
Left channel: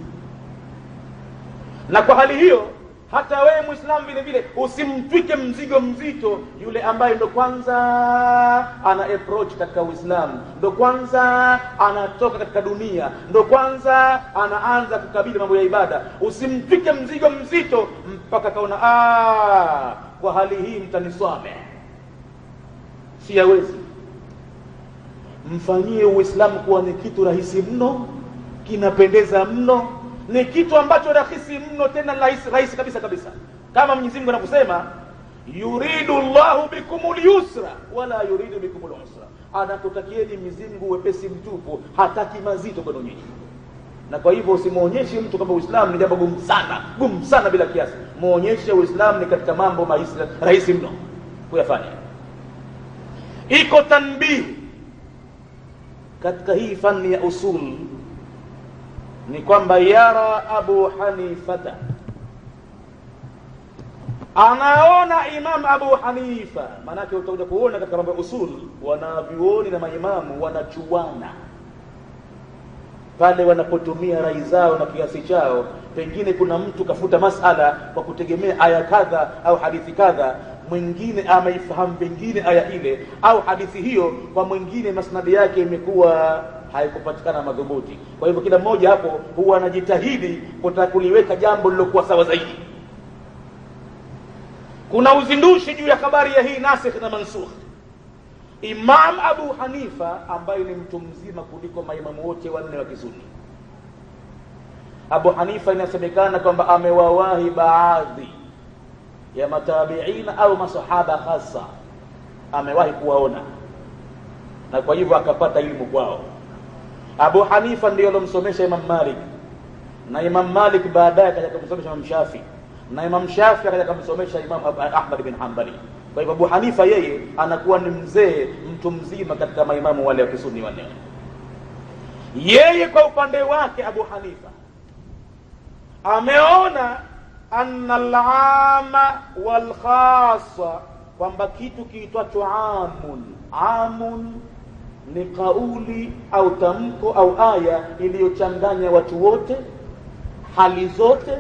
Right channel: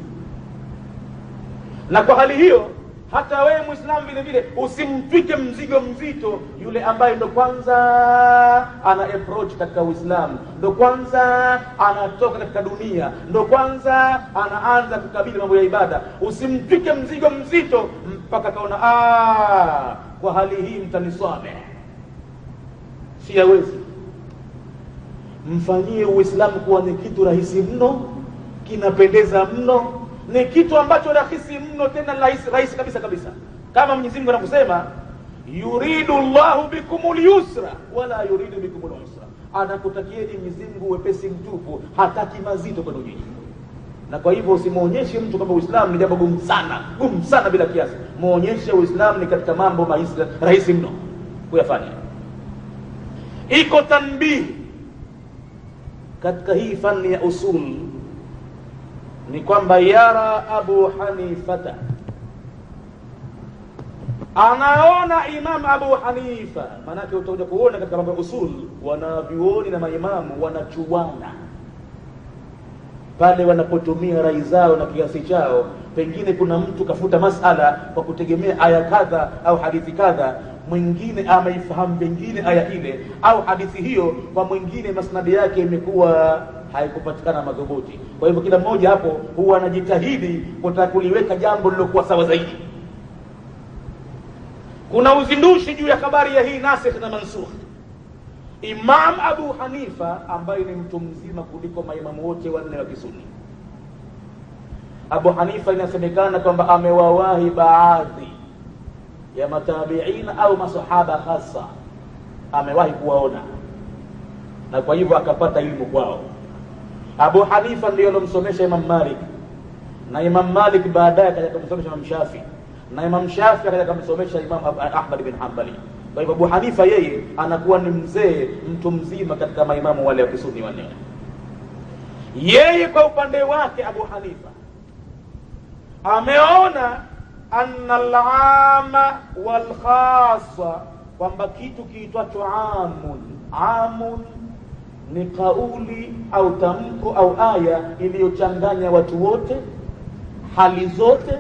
Na kwa hali hiyo hata wewe Muislamu vile vile usimtwike mzigo mzito yule ambaye ndo kwanza ana approach katika Uislamu, ndo kwanza anatoka katika dunia, ndo kwanza anaanza kukabili mambo ya ibada. Usimtwike mzigo mzito mpaka kaona kwa hali hii mtaniswame, siyawezi. Mfanyie Uislamu kuwa ni kitu rahisi mno, kinapendeza mno, ni kitu ambacho rahisi mno, tena rahisi kabisa. Kama Mwenyezi Mungu anakusema yuridu Allahu bikumul yusra wala yuridu bikumul usra, anakutakieni Mwenyezi Mungu wepesi mtupu, hataki mazito kwenu nyinyi. Na kwa hivyo usimuonyeshe mtu kwamba Uislamu ni jambo gumu sana bila kiasi. Muonyeshe Uislamu ni katika mambo rahisi mno kuyafanya. Iko tanbihi katika hii fani ya usul, ni kwamba yara Abu Hanifata, anaona Imam Abu Hanifa. Maanake utakuja kuona katika mambo ya usul wanavyuoni na maimamu wanachuana pale wanapotumia rai zao na kiasi chao. Pengine kuna mtu kafuta masala kwa kutegemea aya kadha au hadithi kadha, mwingine ameifahamu pengine aya ile au hadithi hiyo, kwa mwingine masnadi yake imekuwa haikupatikana madhubuti. Kwa hivyo kila mmoja hapo huwa anajitahidi kutaka kuliweka jambo lilokuwa sawa zaidi. Kuna uzindushi juu ya habari ya hii nasikh na mansukh. Imam Abu Hanifa ambaye ni mtu mzima kuliko maimamu wote wanne wa Kisuni, Abu Hanifa inasemekana kwamba amewawahi baadhi ya matabiina au masahaba hasa, amewahi kuwaona, na kwa hivyo akapata elimu kwao. Abu Hanifa ndiye alomsomesha Imam Malik, na Imam Malik baadaye akaja kumsomesha Imam Shafi, na Imam Shafi akaja kumsomesha Imam Ahmad bin Hanbali. Kwa hivyo Abu Hanifa yeye anakuwa ni mzee, mtu mzima katika maimamu wale wa Kisuni wanne. Yeye kwa upande wake Abu Hanifa ameona anna al-ama wal-khassa, kwamba kitu kiitwacho amun ni kauli au tamko au aya iliyochanganya watu wote, hali zote,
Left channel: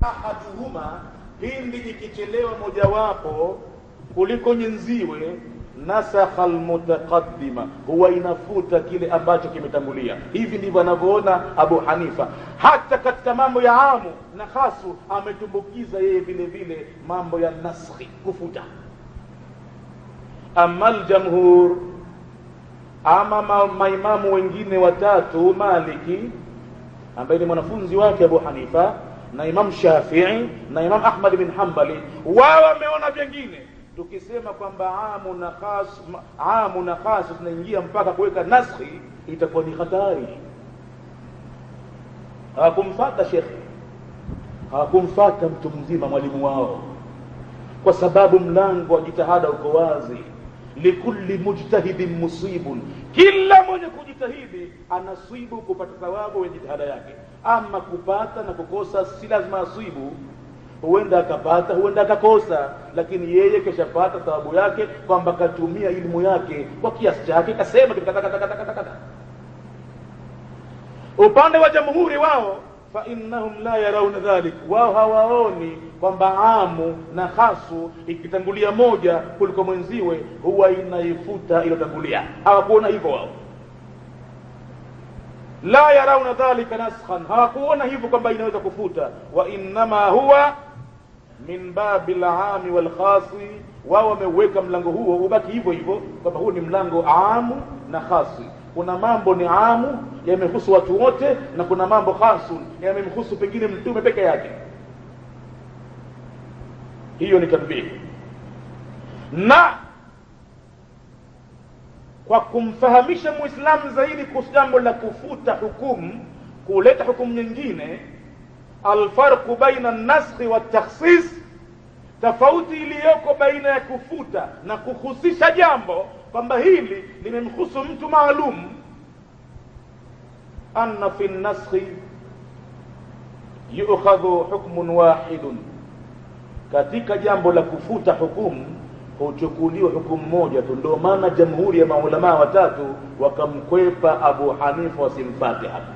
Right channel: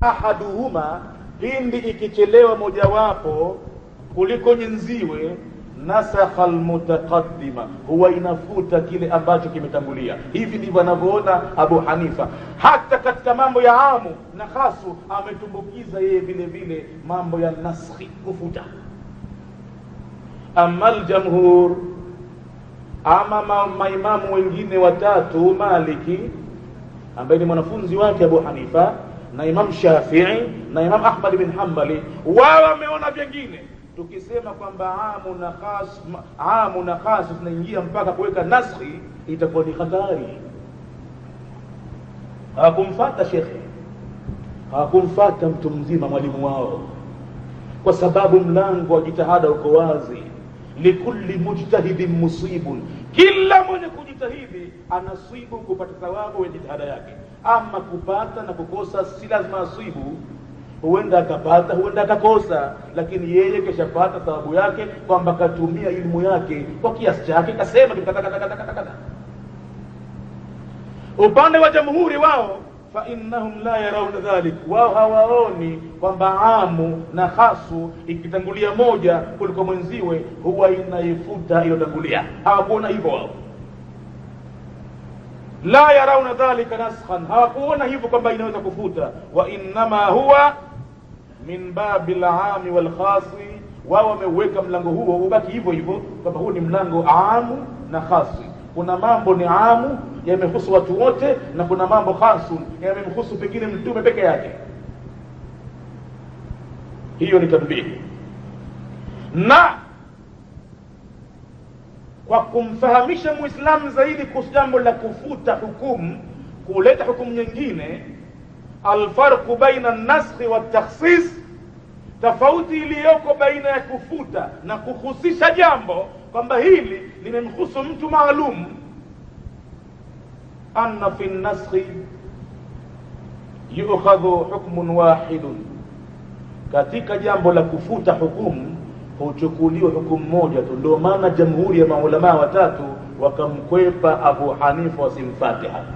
ahaduhuma, hindi ikichelewa mojawapo kuliko nyenziwe, nasakha almutaqaddima, huwa inafuta kile ambacho kimetangulia. Hivi ndivyo anavyoona Abu Hanifa. Hata katika mambo ya amu na khasu ametumbukiza yeye vile vile mambo ya naskhi, kufuta. Amma aljamhur, ama maimamu wengine watatu, Maliki ambaye ni mwanafunzi wake Abu Hanifa, na Imam Shafi'i na Imam Ahmad bin Hanbali, wao wameona vingine. Tukisema kwamba amu na khas tunaingia mpaka kuweka naskhi, itakuwa ni hatari. Hakumfuata shekhi, hakumfuata mtu mzima, mwalimu wao, kwa sababu mlango wa jitihada uko wazi. Likulli mujtahidin musibun, kila mwenye kujitahidi anasibu kupata thawabu ya jitihada yake. Ama kupata na kukosa si lazima asibu, huenda akapata huenda akakosa, lakini yeye keshapata thawabu yake kwamba katumia elimu yake kwa kiasi chake, kasema tukataka. Upande wa jamhuri wao, fa innahum la yarawna dhalik, wao hawaoni kwamba amu na khasu ikitangulia moja kuliko mwenziwe huwa inaifuta iliyotangulia. Hawakuona hivyo wao, la yarawna dhalika naskhan, hawakuona hivyo kwamba inaweza kufuta. Wa innama huwa min babil aami wal khasi, wao wameweka mlango huo ubaki hivyo hivyo, kwamba huu ni mlango amu na khasi. Kuna mambo ni amu yamehusu watu wote, na kuna mambo khasu yamemhusu pengine mtume peke yake. Hiyo ni kadhibini. Na kwa kumfahamisha Muislamu zaidi kuhusu jambo la kufuta hukumu, kuleta hukumu nyingine, alfarqu baina an-naskhi wa at-takhsis, tofauti iliyoko baina ya kufuta na kuhusisha jambo kwamba hili limemhusu mtu maalum. Anna fi an-naskhi yu'khadhu hukmun wahidun, katika jambo la kufuta hukumu huchukuliwa hukumu moja tu. Ndio maana jamhuri ya maulama watatu wakamkwepa Abu Hanifa wasimfate hapa,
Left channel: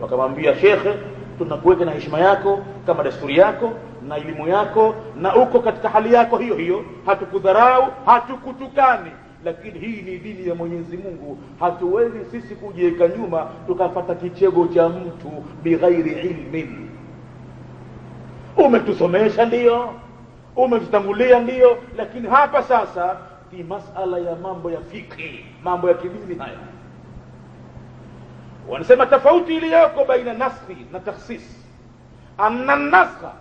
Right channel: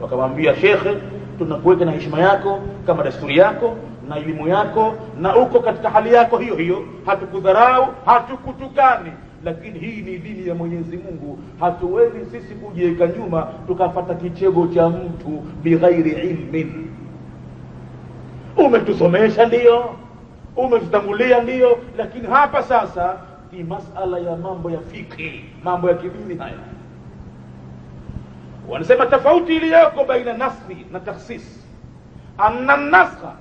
wakamwambia shekhe, tunakuweka na heshima yako kama desturi yako na elimu yako, na uko katika hali yako hiyo hiyo, hatukudharau, hatukutukani, lakini hii ni dini ya Mwenyezi Mungu. Hatuwezi sisi kujiweka nyuma tukapata kichego cha mtu bighairi ilmin. Umetusomesha ndio, umetutangulia ndio, lakini hapa sasa ni masala ya mambo ya fikri, mambo ya kidini haya. Wanasema tofauti iliyoko baina naskhi na takhsis, anna naskha,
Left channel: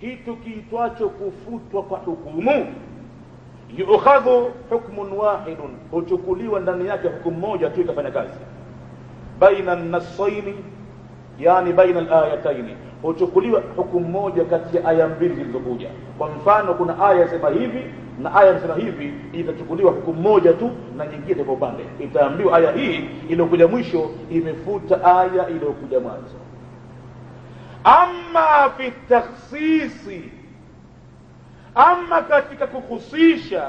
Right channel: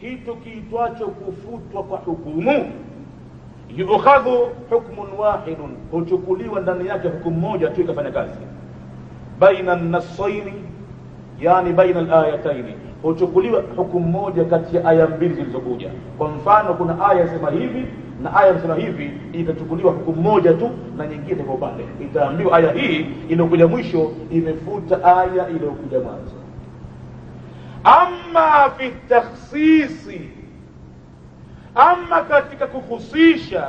kitu kiitwacho kufutwa kwa hukumu, yukhadhu hukmun wahidun, huchukuliwa ndani yake hukumu moja tu ikafanya kazi. Baina an-nassaini, yani baina al-ayataini, huchukuliwa hukumu moja kati ya aya mbili zilizokuja. Kwa mfano, kuna aya inasema hivi na aya inasema hivi, itachukuliwa hukumu moja tu na nyingine kwa upande. Itaambiwa aya hii iliyokuja mwisho imefuta aya iliyokuja mwanzo. Amma fi takhsisi, amma katika kuhusisha,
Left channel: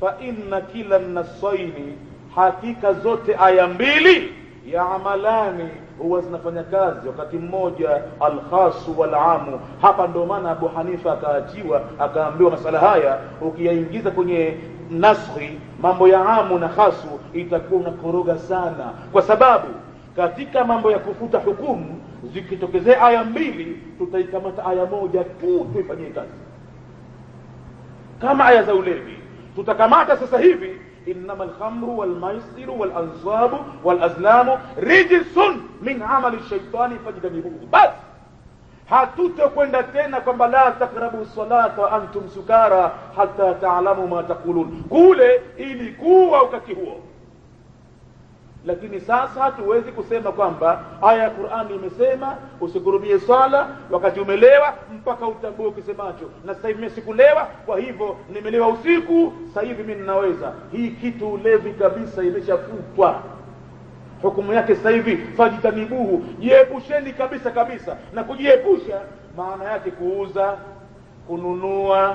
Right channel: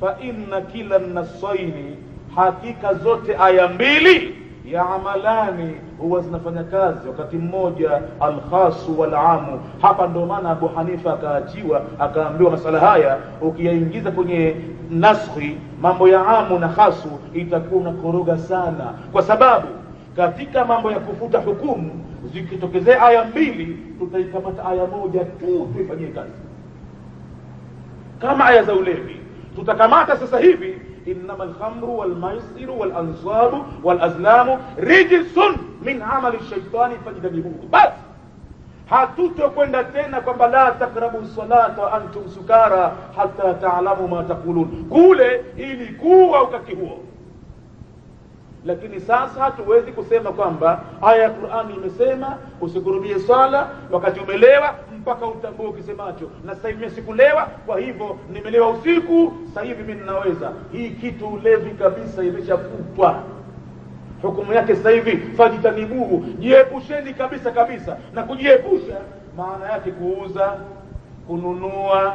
fa inna kila nasaini, hakika zote aya mbili ya amalani huwa zinafanya kazi wakati mmoja, alkhasu wal amu. Hapa ndio maana Abu Hanifa akaachiwa, akaambiwa masala haya ukiyaingiza kwenye naskhi, mambo ya amu na khasu, itakuwa unakoroga sana, kwa sababu katika mambo ya kufuta hukumu zikitokezea aya mbili, tutaikamata aya moja tu tuifanyie kazi. Kama aya za ulevi tutakamata sasa hivi, innama alkhamru walmaisiru walansabu walazlamu rijsun min amali shaitani fajtanibuhu. Basi hatutokwenda tena kwamba la takrabu salata wa antum sukara hatta taalamu ma taqulun, kule ilikuwa wakati huo. Lakini sasa hatuwezi kusema kwamba aya ya Qur'ani imesema usikurubie swala wakati umelewa mpaka utambue ukisemacho, na sasa hivi sikulewa, kwa hivyo nimelewa usiku, sasa hivi mimi ninaweza. Hii kitu ulevi kabisa, imeshafutwa hukumu yake sasa hivi. Fajitanibuhu, jiepusheni kabisa kabisa. Na kujiepusha maana yake kuuza, kununua,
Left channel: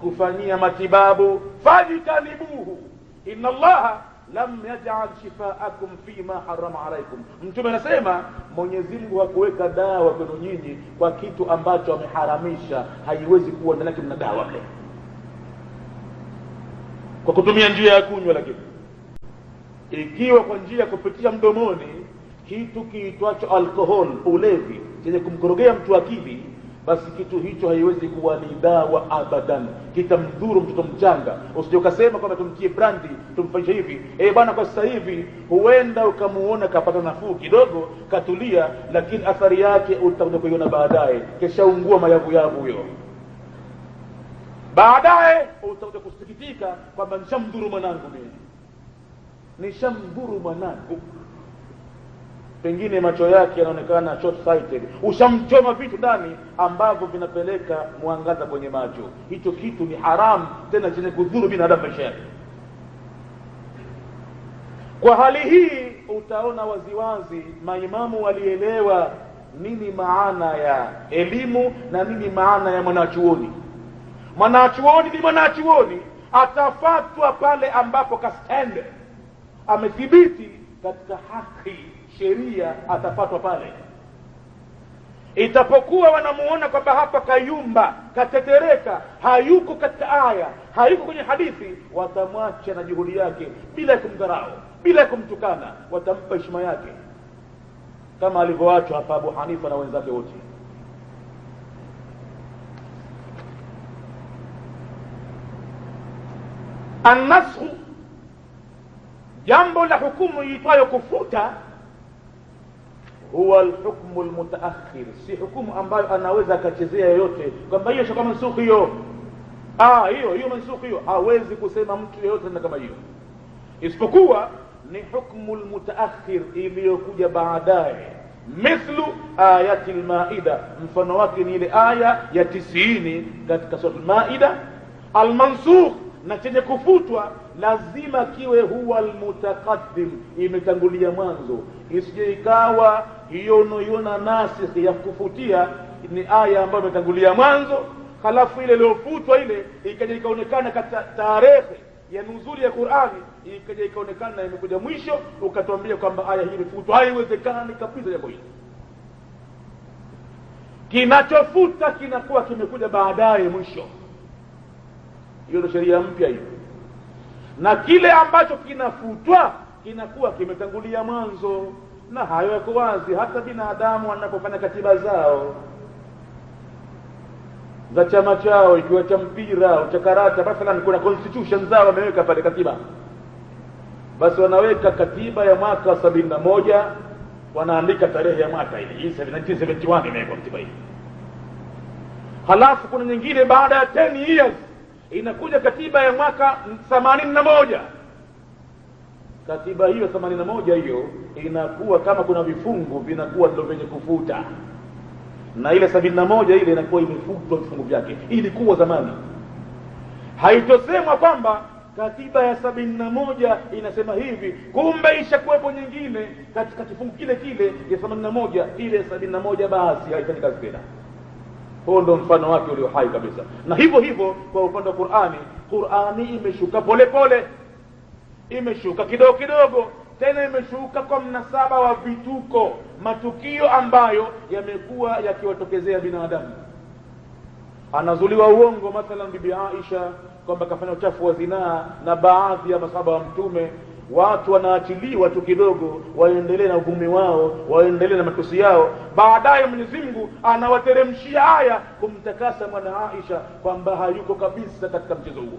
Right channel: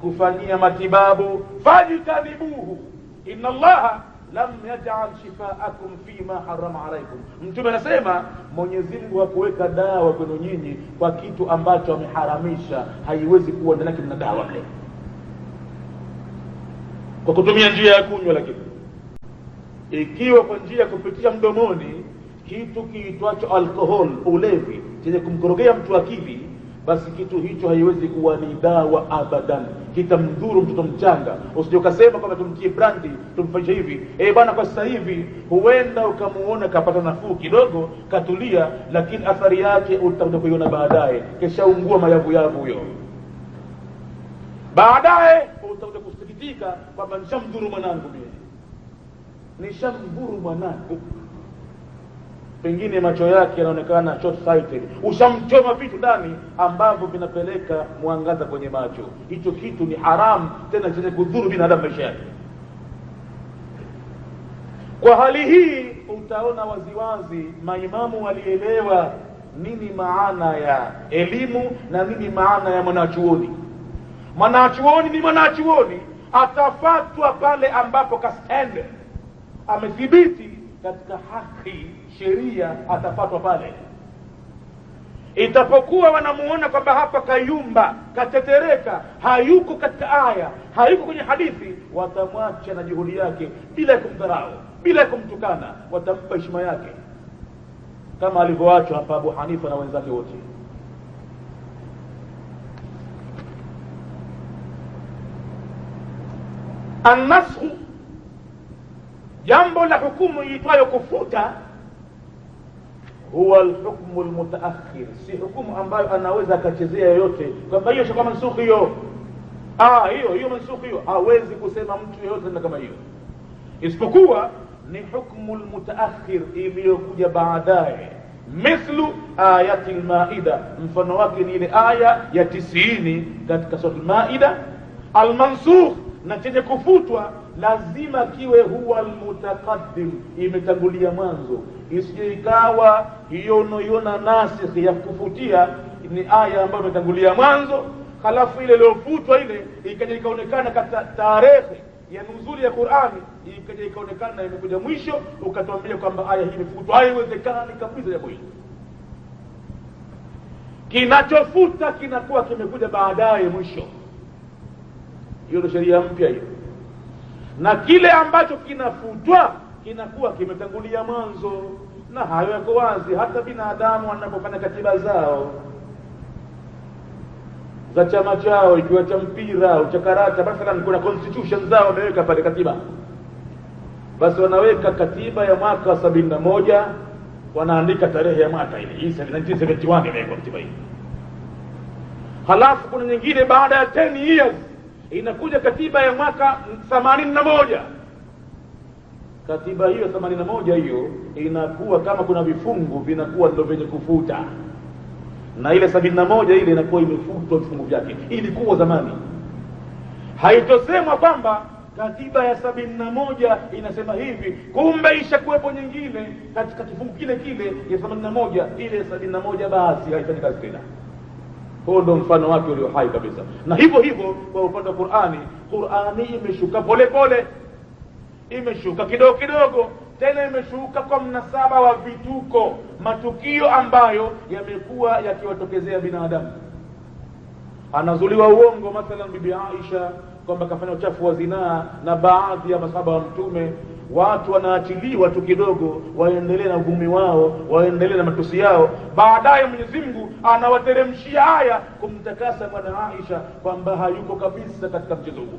kufanyia matibabu. Fajitanibuhu inna Allaha lam yaj'al shifaakum fima harrama alaykum. Mtume anasema Mwenyezi Mungu hakuweka dawa kwenu nyinyi kwa kitu ambacho ameharamisha. Haiwezi kuwa ndani yake mna dawa kwa kutumia njia ya kunywa. Lakini ikiwa kwa njia kupitia mdomoni, kitu kiitwacho alcohol, ulevi chenye kumkorogea mtu akili, basi kitu hicho haiwezi kuwa ni dawa abadan, kitamdhuru mtoto mchanga. Usije ukasema kwamba tumtie brandi tumfanyie hivi, bwana kwa sasa hivi huenda ukamuona kapata nafuu kidogo, katulia, lakini athari yake utakuja kuiona baadaye. Kesha ungua mayavu yavu huyo, baadaye utakuja kusikitika kwamba nishamdhuru mwanangu mimi, nishamdhuru mwanangu. Pengine macho yake yanaonekana short sighted, ushamchoma vitu ndani ambavyo vinapeleka mwangaza kwenye macho. Hicho kitu ni haramu, tena chenye kudhuru binadamu maisha yake. Kwa hali hii utaona waziwazi maimamu walielewa nini maana ya elimu na nini maana ya mwanachuoni. Mwanachuoni ni mwanachuoni, atafatwa pale ambapo kastende amethibiti katika haki sheria, atafatwa pale. Itapokuwa wanamuona kwamba hapa kayumba, katetereka, hayuko katika aya, hayuko kwenye hadithi, watamwacha na juhudi yake bila kumdharau, bila kumtukana, watampa heshima yake, kama alivyoachwa hapa Abu Hanifa na wenzake wote. An-nasakh, jambo la hukumu iitwayo kufuta, huwa al-hukmu al-mutaakhir, si hukumu ambayo anaweza akachezea yoyote kwamba hiyo sio kama mansukh hiyo, hiyo mansukh hiyo. Hawezi kusema mtu yoyote kama hiyo, isipokuwa ni hukmu al-mutaakhir iliyokuja baadaye. Mithlu ayati al-Maida, mfano wake ni ile aya ya 90 katika sura al-Maida. Al-mansukh, na chenye kufutwa lazima kiwe huwa almutaqaddim, imetangulia mwanzo. Isije ikawa hiyo unayoiona nasikh ya kufutia ni aya ambayo imetangulia mwanzo, halafu ile iliyofutwa ile ikaja ikaonekana katika tarehe ya nuzuli ya Qur'ani, ikaja ikaonekana imekuja mwisho, ukatuambia kwamba aya hii imefutwa. Haiwezekani kabisa jambo hili. Kinachofuta kinakuwa kimekuja baadaye mwisho. Hiyo ndio sheria mpya hiyo. Na kile ambacho kinafutwa kinakuwa kimetangulia mwanzo. Na hayo yako wazi hata binadamu wanapofanya katiba zao za chama chao, ikiwa cha mpira au cha karata, basi kuna constitution zao wameweka pale katiba. Basi wanaweka katiba ya mwaka wa 71, wanaandika tarehe ya mwaka hii 1971 imewekwa katiba hii. Halafu kuna nyingine baada ya 10 years inakuja katiba ya mwaka 81. Katiba hiyo 81 hiyo inakuwa kama kuna vifungu vinakuwa ndio vyenye kufuta, na ile 71 ile inakuwa imefutwa vifungu vyake. Ilikuwa zamani, haitosemwa kwamba katiba ya 71 inasema hivi, kumbe ishakuwepo nyingine katika kifungu kile kile ya 81, ile 71 basi haifanye kazi tena. Huo ndo mfano wake ulio hai kabisa. Na hivyo hivyo kwa upande wa Qur'ani, Qur'ani imeshuka pole pole, imeshuka kidogo kidogo, tena imeshuka kwa mnasaba wa vituko, matukio ambayo yamekuwa yakiwatokezea binadamu. Anazuliwa uongo, mathalan bibi Aisha kwamba kafanya uchafu wa zinaa na baadhi ya masahaba wa Mtume. Watu wanaachiliwa tu kidogo, waendelee na uvumi wao, waendelee na matusi yao. Baadaye Mwenyezi Mungu anawateremshia aya kumtakasa mwana Aisha kwamba hayuko kabisa katika mchezo huo.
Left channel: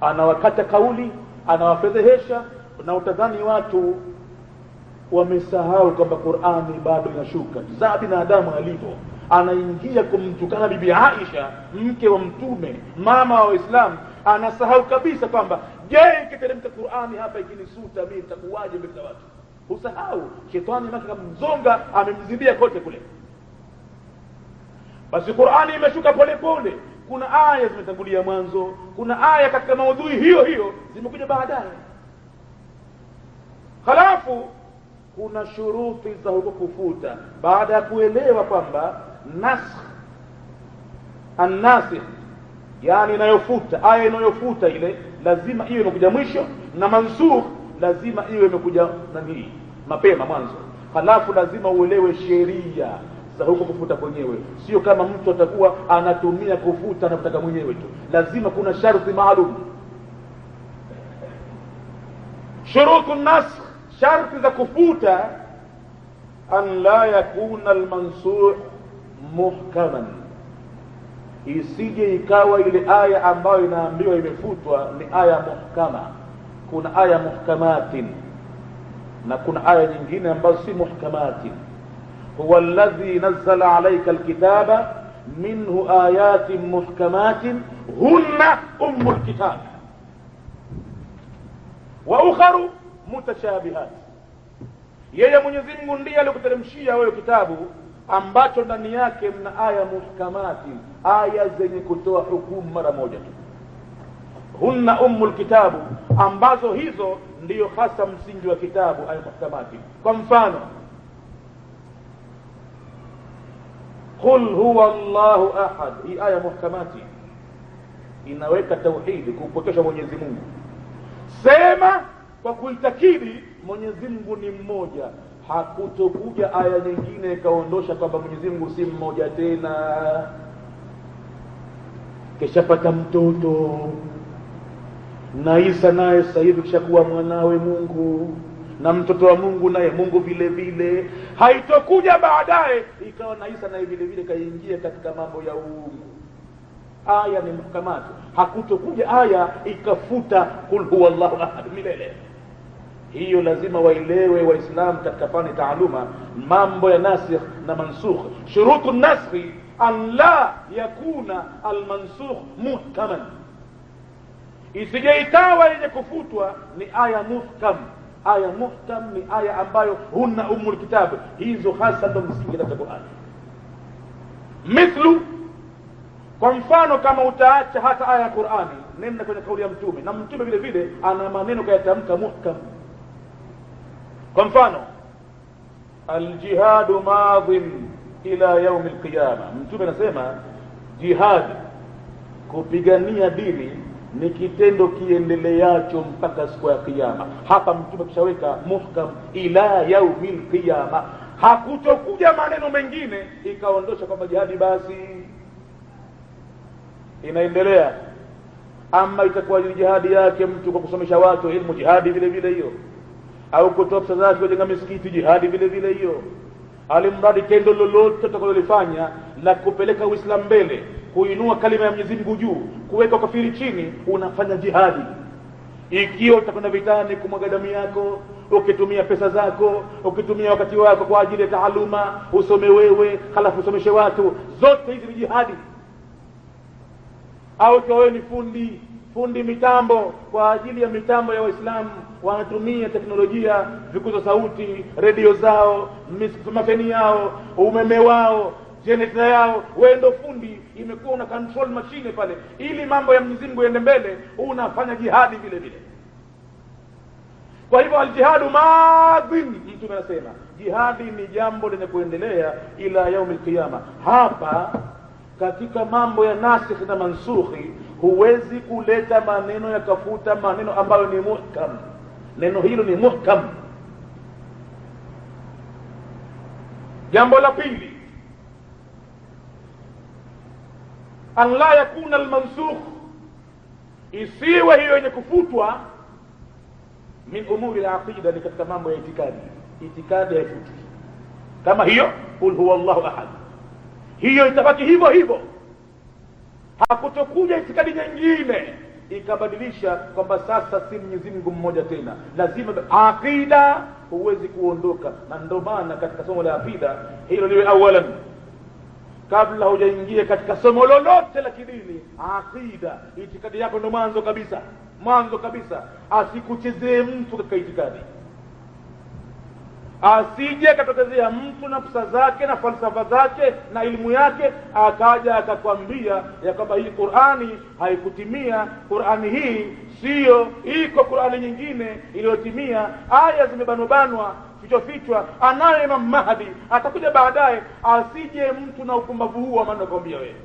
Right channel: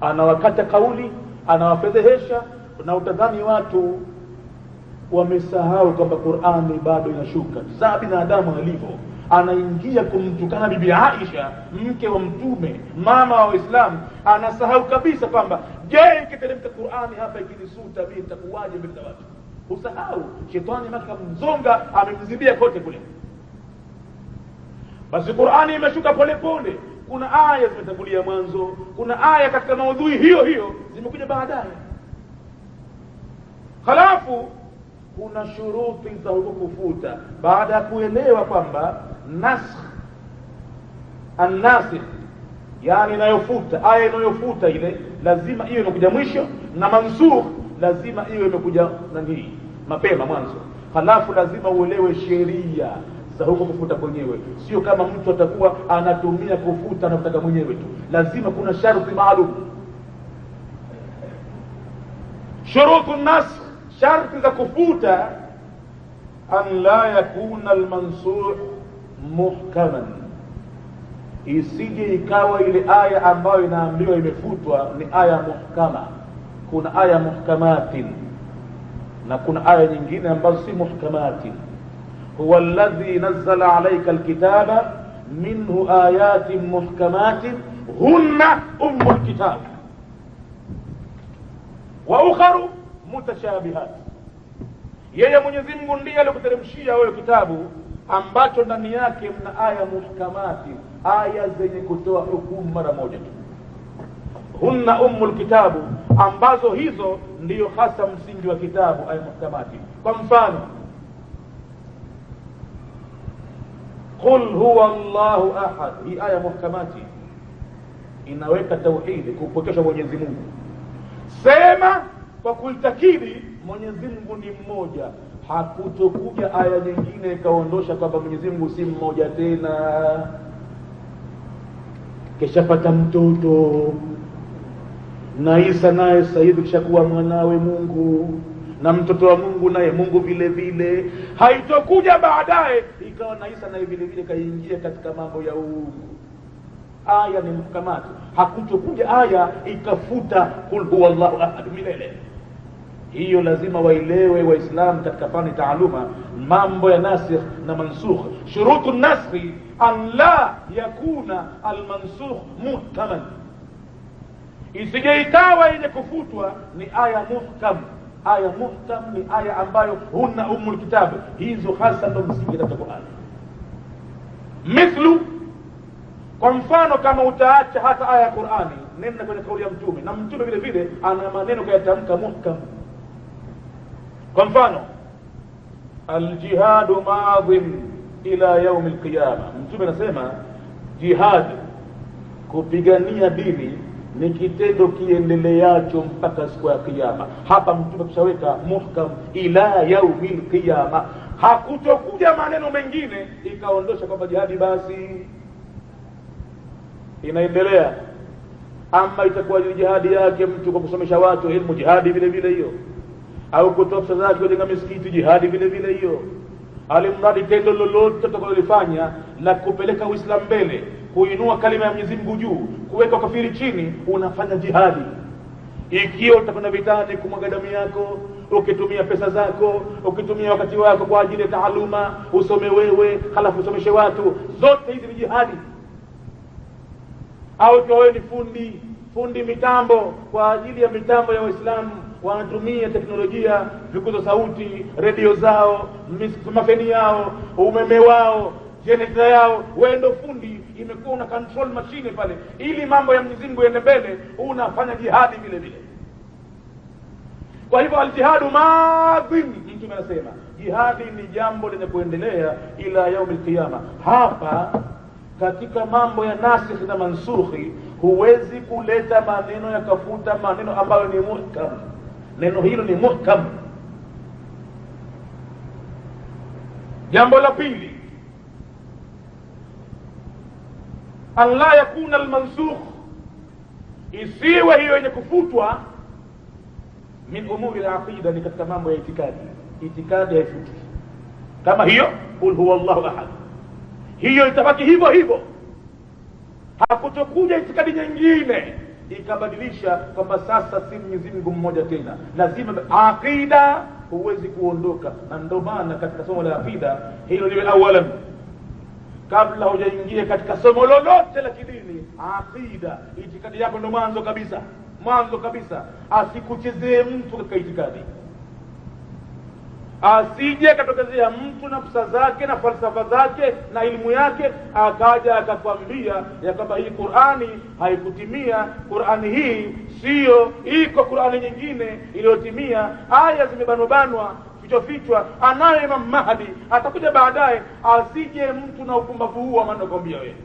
Anawakata kauli, anawafedhehesha, na utadhani watu wamesahau kwamba Qur'ani bado inashuka. Za binadamu alivyo, anaingia kumtukana bibi Aisha, mke wa Mtume, mama wa Waislamu, anasahau kabisa kwamba je, ikiteremka Qur'ani hapa ikinisuta mimi nitakuwaje mbele za watu? Usahau, shetani maka kamzonga, amemzibia kote kule. Basi Qur'ani imeshuka pole pole, kuna aya zimetangulia mwanzo, kuna aya katika maudhui hiyo hiyo zimekuja baadaye. Halafu kuna shuruti za huko kufuta, baada ya kuelewa kwamba nasakh an-nasikh, yani inayofuta, aya inayofuta ile lazima iwe imekuja mwisho, na mansukh lazima iwe imekuja nani mapema mwanzo. Halafu lazima uelewe sheria za huko kufuta kwenyewe, sio kama mtu atakuwa anatumia kufuta anataka mwenyewe tu. Lazima kuna sharti maalum. Shurutu an-nasakh, sharti za kufuta, an la yakuna al-mansukh muhkaman, isije ikawa ile aya ambayo inaambiwa imefutwa ni aya muhkama. Kuna aya muhkamatin na kuna aya nyingine ambazo si muhkamatin. huwa alladhi nazzala alayka alkitaba minhu ayatin muhkamatin hunna ummul kitab wa ukharu mutashabihat. Yeye Mwenyezi Mungu ndiye alikuteremshia wewe kitabu ambacho ndani yake mna aya muhkamati, aya zenye kutoa hukumu mara moja tu. Hunna ummul kitabu, ambazo hizo ndiyo hasa msingi wa kitabu, aya muhkamati. Kwa mfano, qul huwa Allahu ahad, hii aya muhkamati inaweka tauhidi, kupokesha Mwenyezi Mungu. Sema kwa kuitakidi Mwenyezi Mungu ni mmoja. Hakutokuja aya nyingine ikaondosha kwamba Mwenyezi Mungu si mmoja tena. Keshapata mtoto na Isa naye sasa hivi kishakuwa mwanawe Mungu, na mtoto wa Mungu naye Mungu vile vile. Haitokuja baadaye ikawa na Isa naye vile vile kaingia katika mambo ya uungu. Aya ni muhkamati. Hakutokuja aya ikafuta kul huwa Allahu ahad milele. Hiyo lazima waelewe Waislamu katika fani taaluma mambo ya nasikh na mansukh. Shurutu nasikh an la yakuna almansukh muhkaman, isije ikawa ile kufutwa ni aya muhkam. Aya muhkam ni aya ambayo hunna ummul kitab, hizo hasa ndo msingi katika Qur'an. Mithlu, kwa mfano kama utaacha hata aya ya Qur'ani, nenda kwenye kauli ya Mtume, na Mtume vile vile ana maneno kayatamka muhkam. Kwa mfano, aljihadu madhin ila yaum alqiyama, Mtume anasema jihad, kupigania dini, ni kitendo kiendeleacho mpaka siku ya kiyama. Hapa Mtume kishaweka muhkam ila yaum alqiyama. Hakutokuja maneno mengine ikaondosha kwamba jihadi basi inaendelea. Ama itakuwa jihadi yake mtu kwa kusomesha watu ilmu, jihadi vile vile hiyo, au kutoa pesa zake kujenga misikiti, jihadi vile vile hiyo. Alimradi tendo lolote tutakalolifanya la kupeleka Uislamu mbele, kuinua kalima ya Mwenyezi Mungu juu, kuweka kafiri chini, unafanya jihadi. Ikiwa utakwenda vitani kumwaga damu yako, ukitumia pesa zako, ukitumia wakati wako kwa ajili ya taaluma, usome wewe halafu usomeshe watu, zote hizi ni jihadi. Au wewe ni fundi mitambo, kwa ajili ya mitambo ya Waislamu wanatumia teknolojia, vikuza sauti, redio zao, mafeni yao, umeme wao, generator yao, wewe ndo fundi, imekuwa una control machine pale ili mambo ya Mwenyezi Mungu yaende mbele, unafanya jihadi vile vile. Kwa hivyo aljihadu madhin, Mtume anasema jihadi ni jambo lenye kuendelea ila yaum alqiyama. Hapa katika mambo ya nasikh na mansukhi huwezi kuleta maneno yakafuta maneno ambayo ni muhkam. Neno hilo ni muhkam. Jambo la pili, an la yakuna almansukh, isiwe hiyo yenye kufutwa min umuri al-aqida, ni katika mambo ya itikadi. Itikadi haifuti kama hiyo qul huwa Allahu ahad, hiyo itabaki hivyo hivyo. Hakutokuja itikadi nyingine ikabadilisha kwamba sasa si Mwenyezi Mungu mmoja tena. Lazima aqida huwezi kuondoka, na ndio maana katika somo la aqida hilo liwe awalan. kabla hujaingia katika somo lolote la kidini, aqida, itikadi yako ndo mwanzo kabisa. Asikuchezee mtu katika itikadi, asije katokezea mtu na pesa zake na falsafa zake na elimu yake akaja akakwambia ya kwamba hii Qur'ani haikutimia, Qur'ani hii sio, iko Qur'ani nyingine iliyotimia, aya zimebanwa fichwa anayo Imam Mahdi atakuja baadaye. Asije mtu na upumbavu huu anakwambia wewe,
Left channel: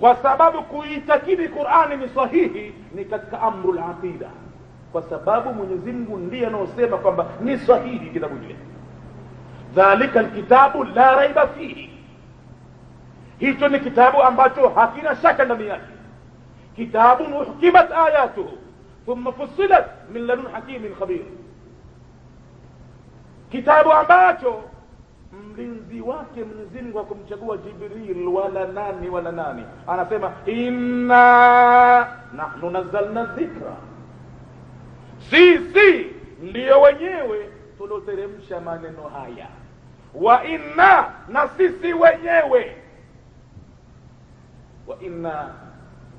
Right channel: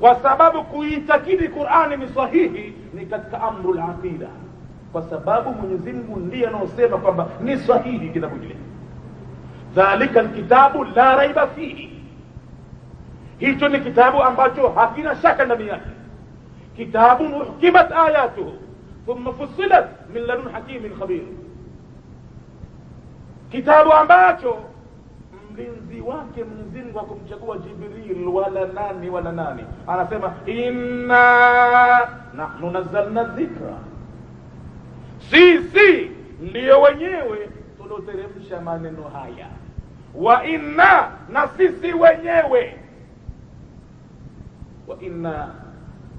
kwa sababu kuitakidi Qur'ani ni sahihi ni katika amrul aqida, kwa sababu Mwenyezi Mungu ndiye anaosema kwamba ni sahihi kitabu kile. Dhalika alkitabu la raiba fihi, hicho ni kitabu ambacho hakina shaka ndani yake. Kitabun uhkimat ayatuhu thumma fussilat min ladun hakimin khabir, kitabu ambacho mlinzi wake Mwenyezi Mungu hakumchagua Jibril wala nani. Anasema inna nahnu nazzalna dhikra, sisi ndio wenyewe tulioteremsha maneno haya. Wa inna, na sisi wenyewe, wa inna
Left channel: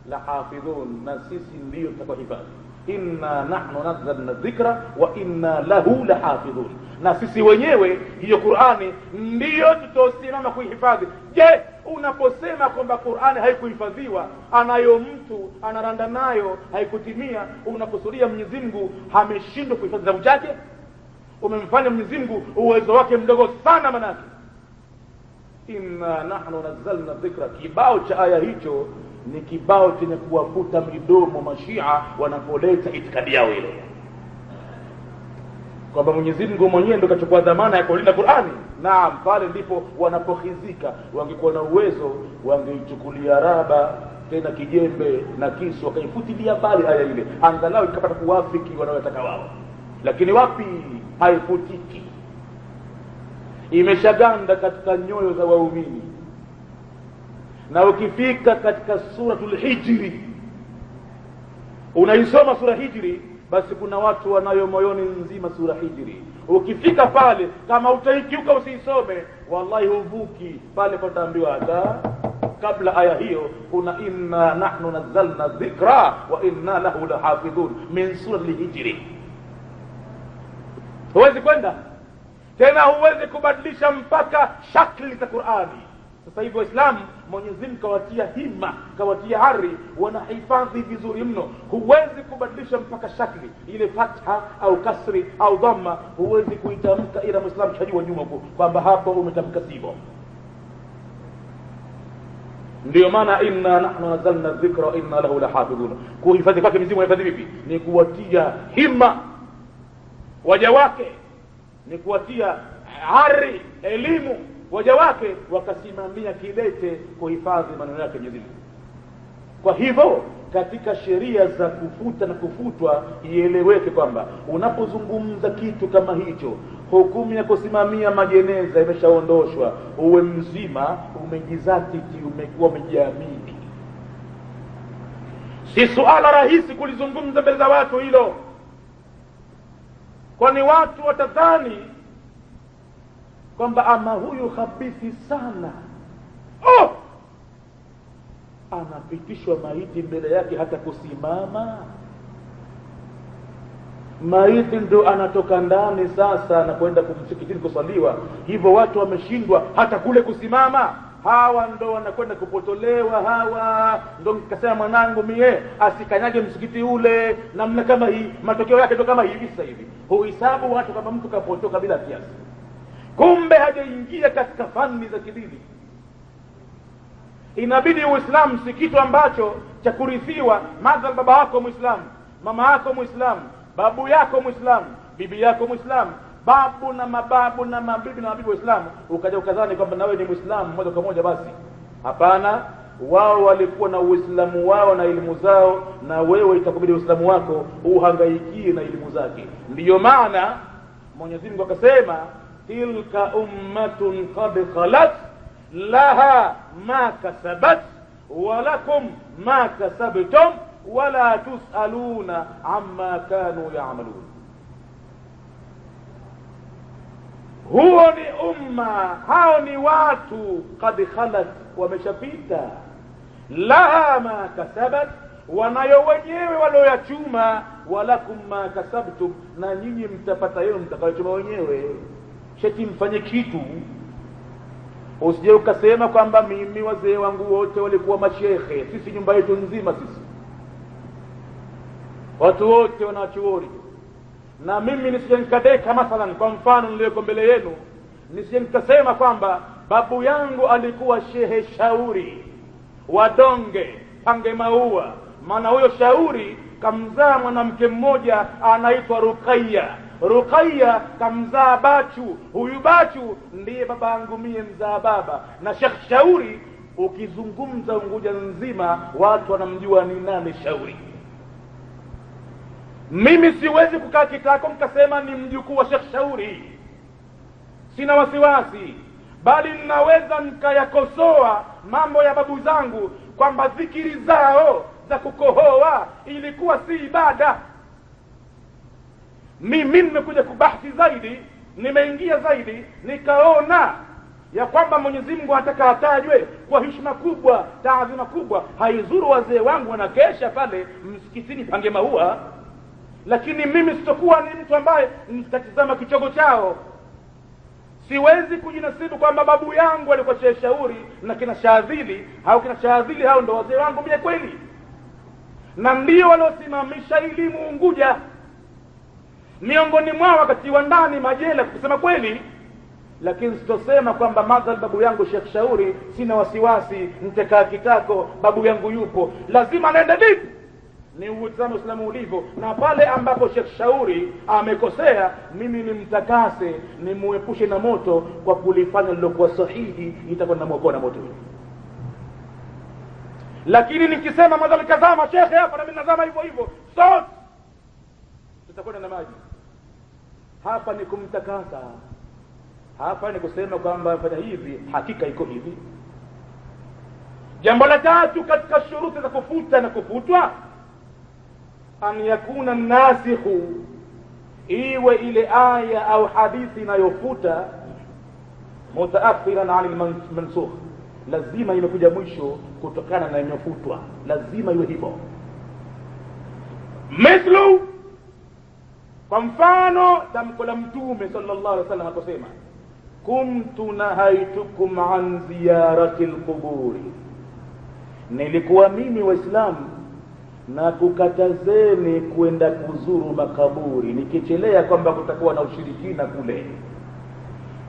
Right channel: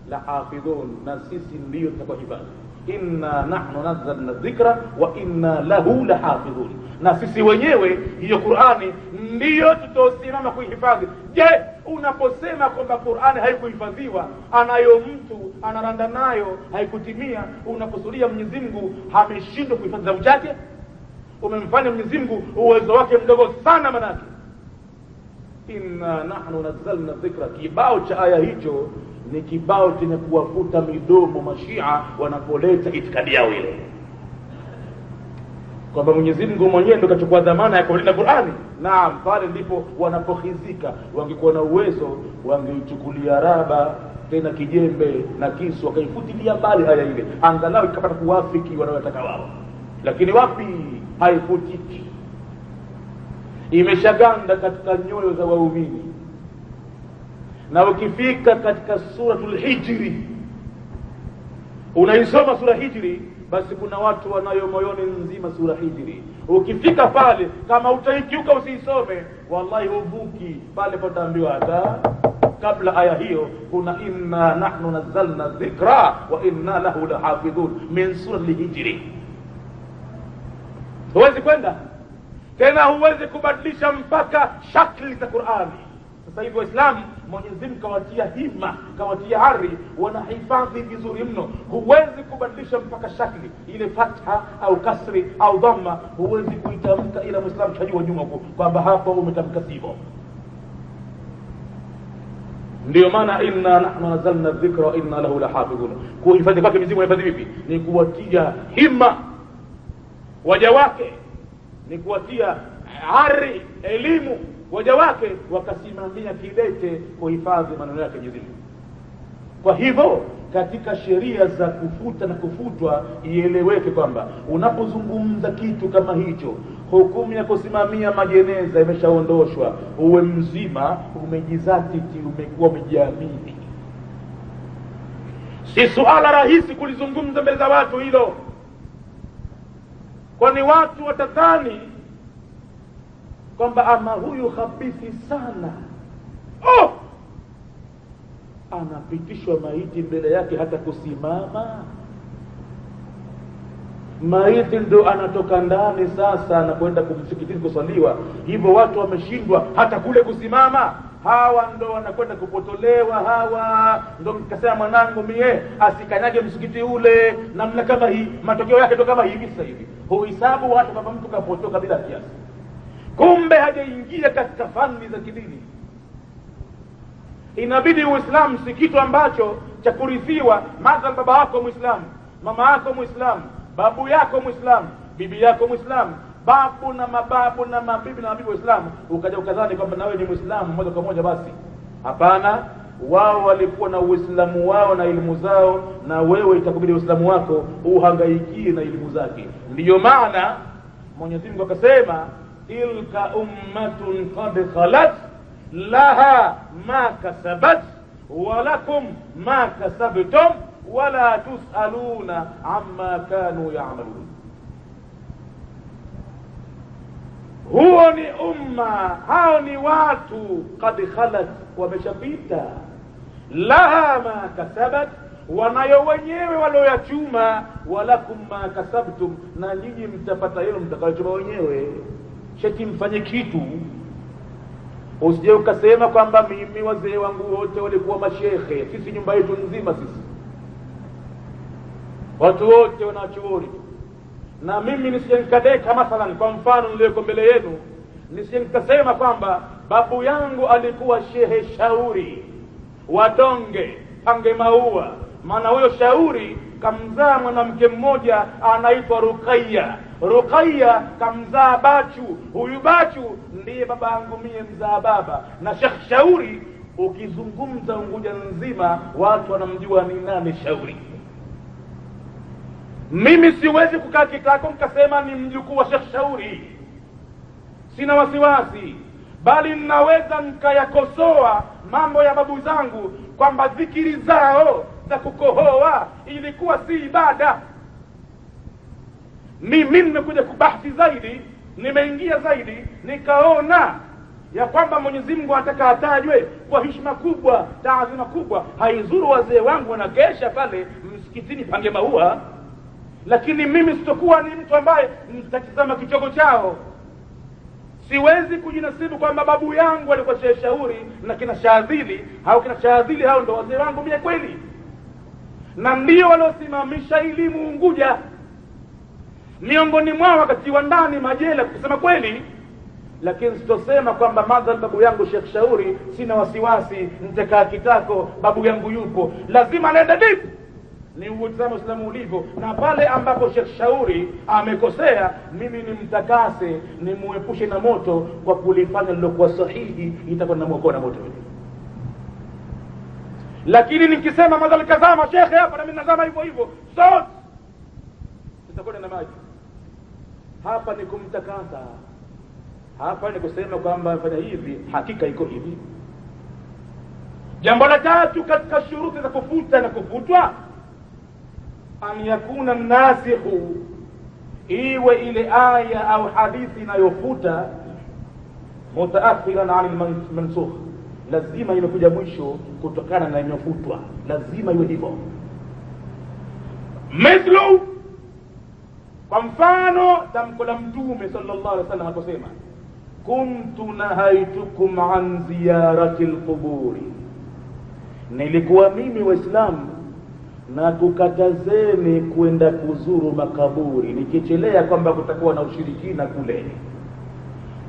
lahafidhun, na sisi ndio tutakaohifadhi. Inna nahnu nazzalna dhikra wa inna lahu lahafidhun, na sisi wenyewe hiyo Qur'ani ndio tutasimama kuihifadhi. Je, unaposema kwamba Qur'ani haikuhifadhiwa, anayo mtu anaranda nayo, haikutimia, unakusudia Mwenyezi Mungu ameshindwa kuhifadhi kitabu chake? Umemfanya Mwenyezi Mungu uwezo wake mdogo sana manake. Inna nahnu nazzalna dhikra, kibao cha aya hicho ni kibao chenye kuwafuta midomo Mashia wanapoleta itikadi yao ile kwamba Mwenyezi Mungu mwenyewe ndio kachukua dhamana ya kulinda Qur'ani. Naam, pale ndipo wanapokhizika. Wangekuwa na uwezo wangeichukulia raba tena kijembe na kisu wakaifutilia mbali aya ile, angalau ikapata kuwafiki wanayotaka wao. Lakini wapi, haifutiki, imeshaganda katika nyoyo za waumini. Na ukifika katika suratul Hijri, unaisoma sura Hijri, basi kuna watu wanayo moyoni nzima sura Hijri. Ukifika pale kama utaikiuka usisome, wallahi uvuki pale, pataambiwa hata kabla aya hiyo kuna inna nahnu nazzalna dhikra wa inna lahu lahafidhun min suratul Hijri. Huwezi kwenda tena, huwezi kubadilisha mpaka shakli za Qur'ani. Sasa hivyo Waislamu Mwenyezi Mungu kawatia hima, kawatia hari, wanahifadhi vizuri mno. Huwezi kubadilisha mpaka shakli ile, fatha au kasri au dhamma, huwezi kuitamka ila Muislamu shajua nyuma huko kwamba hapo umetamka sivyo. Ndio maana inna nahnu nazzalna dhikra wa inna lahu lahafidhun. Kuhifadhi kwake Mwenyezi Mungu unahifadhi vipi? Ni kuwatia hima waja wake, ni kuwatia hari elimu waja wake, wakasimamia kidete kuhifadhi maneno yake Mwenyezi Mungu. Kwa hivyo katika sheria za kufuta na kufutwa ieleweke kwamba unapozungumza kitu kama hicho, hukumu ya kusimamia majeneza imeshaondoshwa, uwe mzima, umejizatiti, umekuwa mjiamini. Si suala rahisi kulizungumza mbele za watu hilo, kwani watu watatani kwamba ama huyu khabithi sana, anapitishwa maiti mbele yake hata kusimama. Maiti ndo anatoka ndani sasa na kwenda kumsikitini kusaliwa, hivyo watu wameshindwa hata kule kusimama. Hawa ndo wanakwenda kupotolewa, hawa ndo nikasema mwanangu mie asikanyage msikiti ule namna kama hii. Matokeo yake ndo kama hivi. Sasa hivi huhesabu watu kama mtu kapotoka bila kiasi, kumbe hajaingia katika fani za kidini. Inabidi Uislamu si kitu ambacho cha kurithiwa. Madhal baba yako Muislamu, mama yako Muislamu, babu yako Muislamu, bibi yako Muislamu, babu na mababu na mabibi na mabibi Waislamu, ukaja ukadhani kwamba nawe ni Muislamu moja kwa moja basi. Hapana, wao walikuwa na Uislamu wao na elimu zao, na wewe itakubidi Uislamu wako uhangaikie na elimu zake. Ndiyo maana Mwenyezi Mungu akasema tilka ummatun qad khalat laha ma kasabat wa lakum ma kasabtum wala tusaluna amma kanu ya'malun. huo ni umma, hao ni watu qad khalat, wameshapita, laha ma kasabat, wanayo wenyewe walioyachuma, walakum ma kasabtum, na nyinyi mtapata yenu mtakayochuma wenyewe. Sheti mfanye kitu, usije ukasema kwamba mimi wazee wangu wote walikuwa mashehe, sisi nyumba yetu nzima sisi watu wote wanachuoni, na mimi nisije nikadeka mathalan, kwa mfano niliyoko mbele yenu, nisije nikasema kwamba babu yangu alikuwa shehe Shauri Watonge Pange Maua, maana huyo Shauri kamzaa mwanamke mmoja anaitwa Ruqayya. Ruqayya kamzaa Bachu, huyu Bachu ndiye baba yangu mie mzaa baba. Na Sheikh Shauri ukizungumza Unguja nzima watu wanamjua ni nani Shauri. Mimi siwezi kukaa kitako nikasema ni mjukuu wa Sheikh Shauri, sina wasiwasi, bali ninaweza nikayakosoa mambo ya babu zangu kwamba zikiri zao za kukohoa ilikuwa si ibada. Mimi nimekuja kubahthi zaidi, nimeingia zaidi, nikaona ya kwamba Mwenyezi Mungu anataka atajwe kwa heshima kubwa, taadhima kubwa. Haizuru wazee wangu wanakesha pale msikitini Pange Maua, lakini mimi sitokuwa ni mtu ambaye nitatizama kichogo chao. Siwezi kujinasibu kwamba babu yangu alikuwa Sheikh Shauri na kina Shadhili au kina Shadhili hao ndo wazee wangu mie kweli, na ndio waliosimamisha elimu Unguja. Miongoni mwao wakatiwa ndani majela kusema kweli, lakini sitosema kwamba madhal babu yangu Sheikh Shauri, sina wasiwasi, nitakaa kitako, babu yangu yupo. Lazima naenda vipi ni utazama Uislamu ulivyo, na pale ambapo Sheikh Shauri amekosea, mimi nimtakase, nimuepushe na moto kwa kulifanya lilokuwa sahihi, itakuwa namuokoa na moto. Lakini nikisema madhali kazama shekhe hapa na mimi nazama hivyo hivyo, sote tutakwenda na maji. Hapa ni kumtakasa, hapa ni kusema kwamba fanya hivi, hakika iko hivi. Jambo la tatu katika shuruti za kufuta na kufutwa, an yakuna nasikhu, iwe ile aya au hadithi inayofuta mutaakhiran an mansukh, lazima imekuja mwisho kutokana na inayofutwa, lazima iwe hivyo. Mithlu, kwa mfano tamko la Mtume sallallahu alaihi wasallam akosema, kuntu nahaitukum an ziyarati alquburi, nilikuwa mimi Waislamu na kukatazeni kwenda kuzuru makaburi, nikichelea kwamba kutakuwa na ushirikina kule.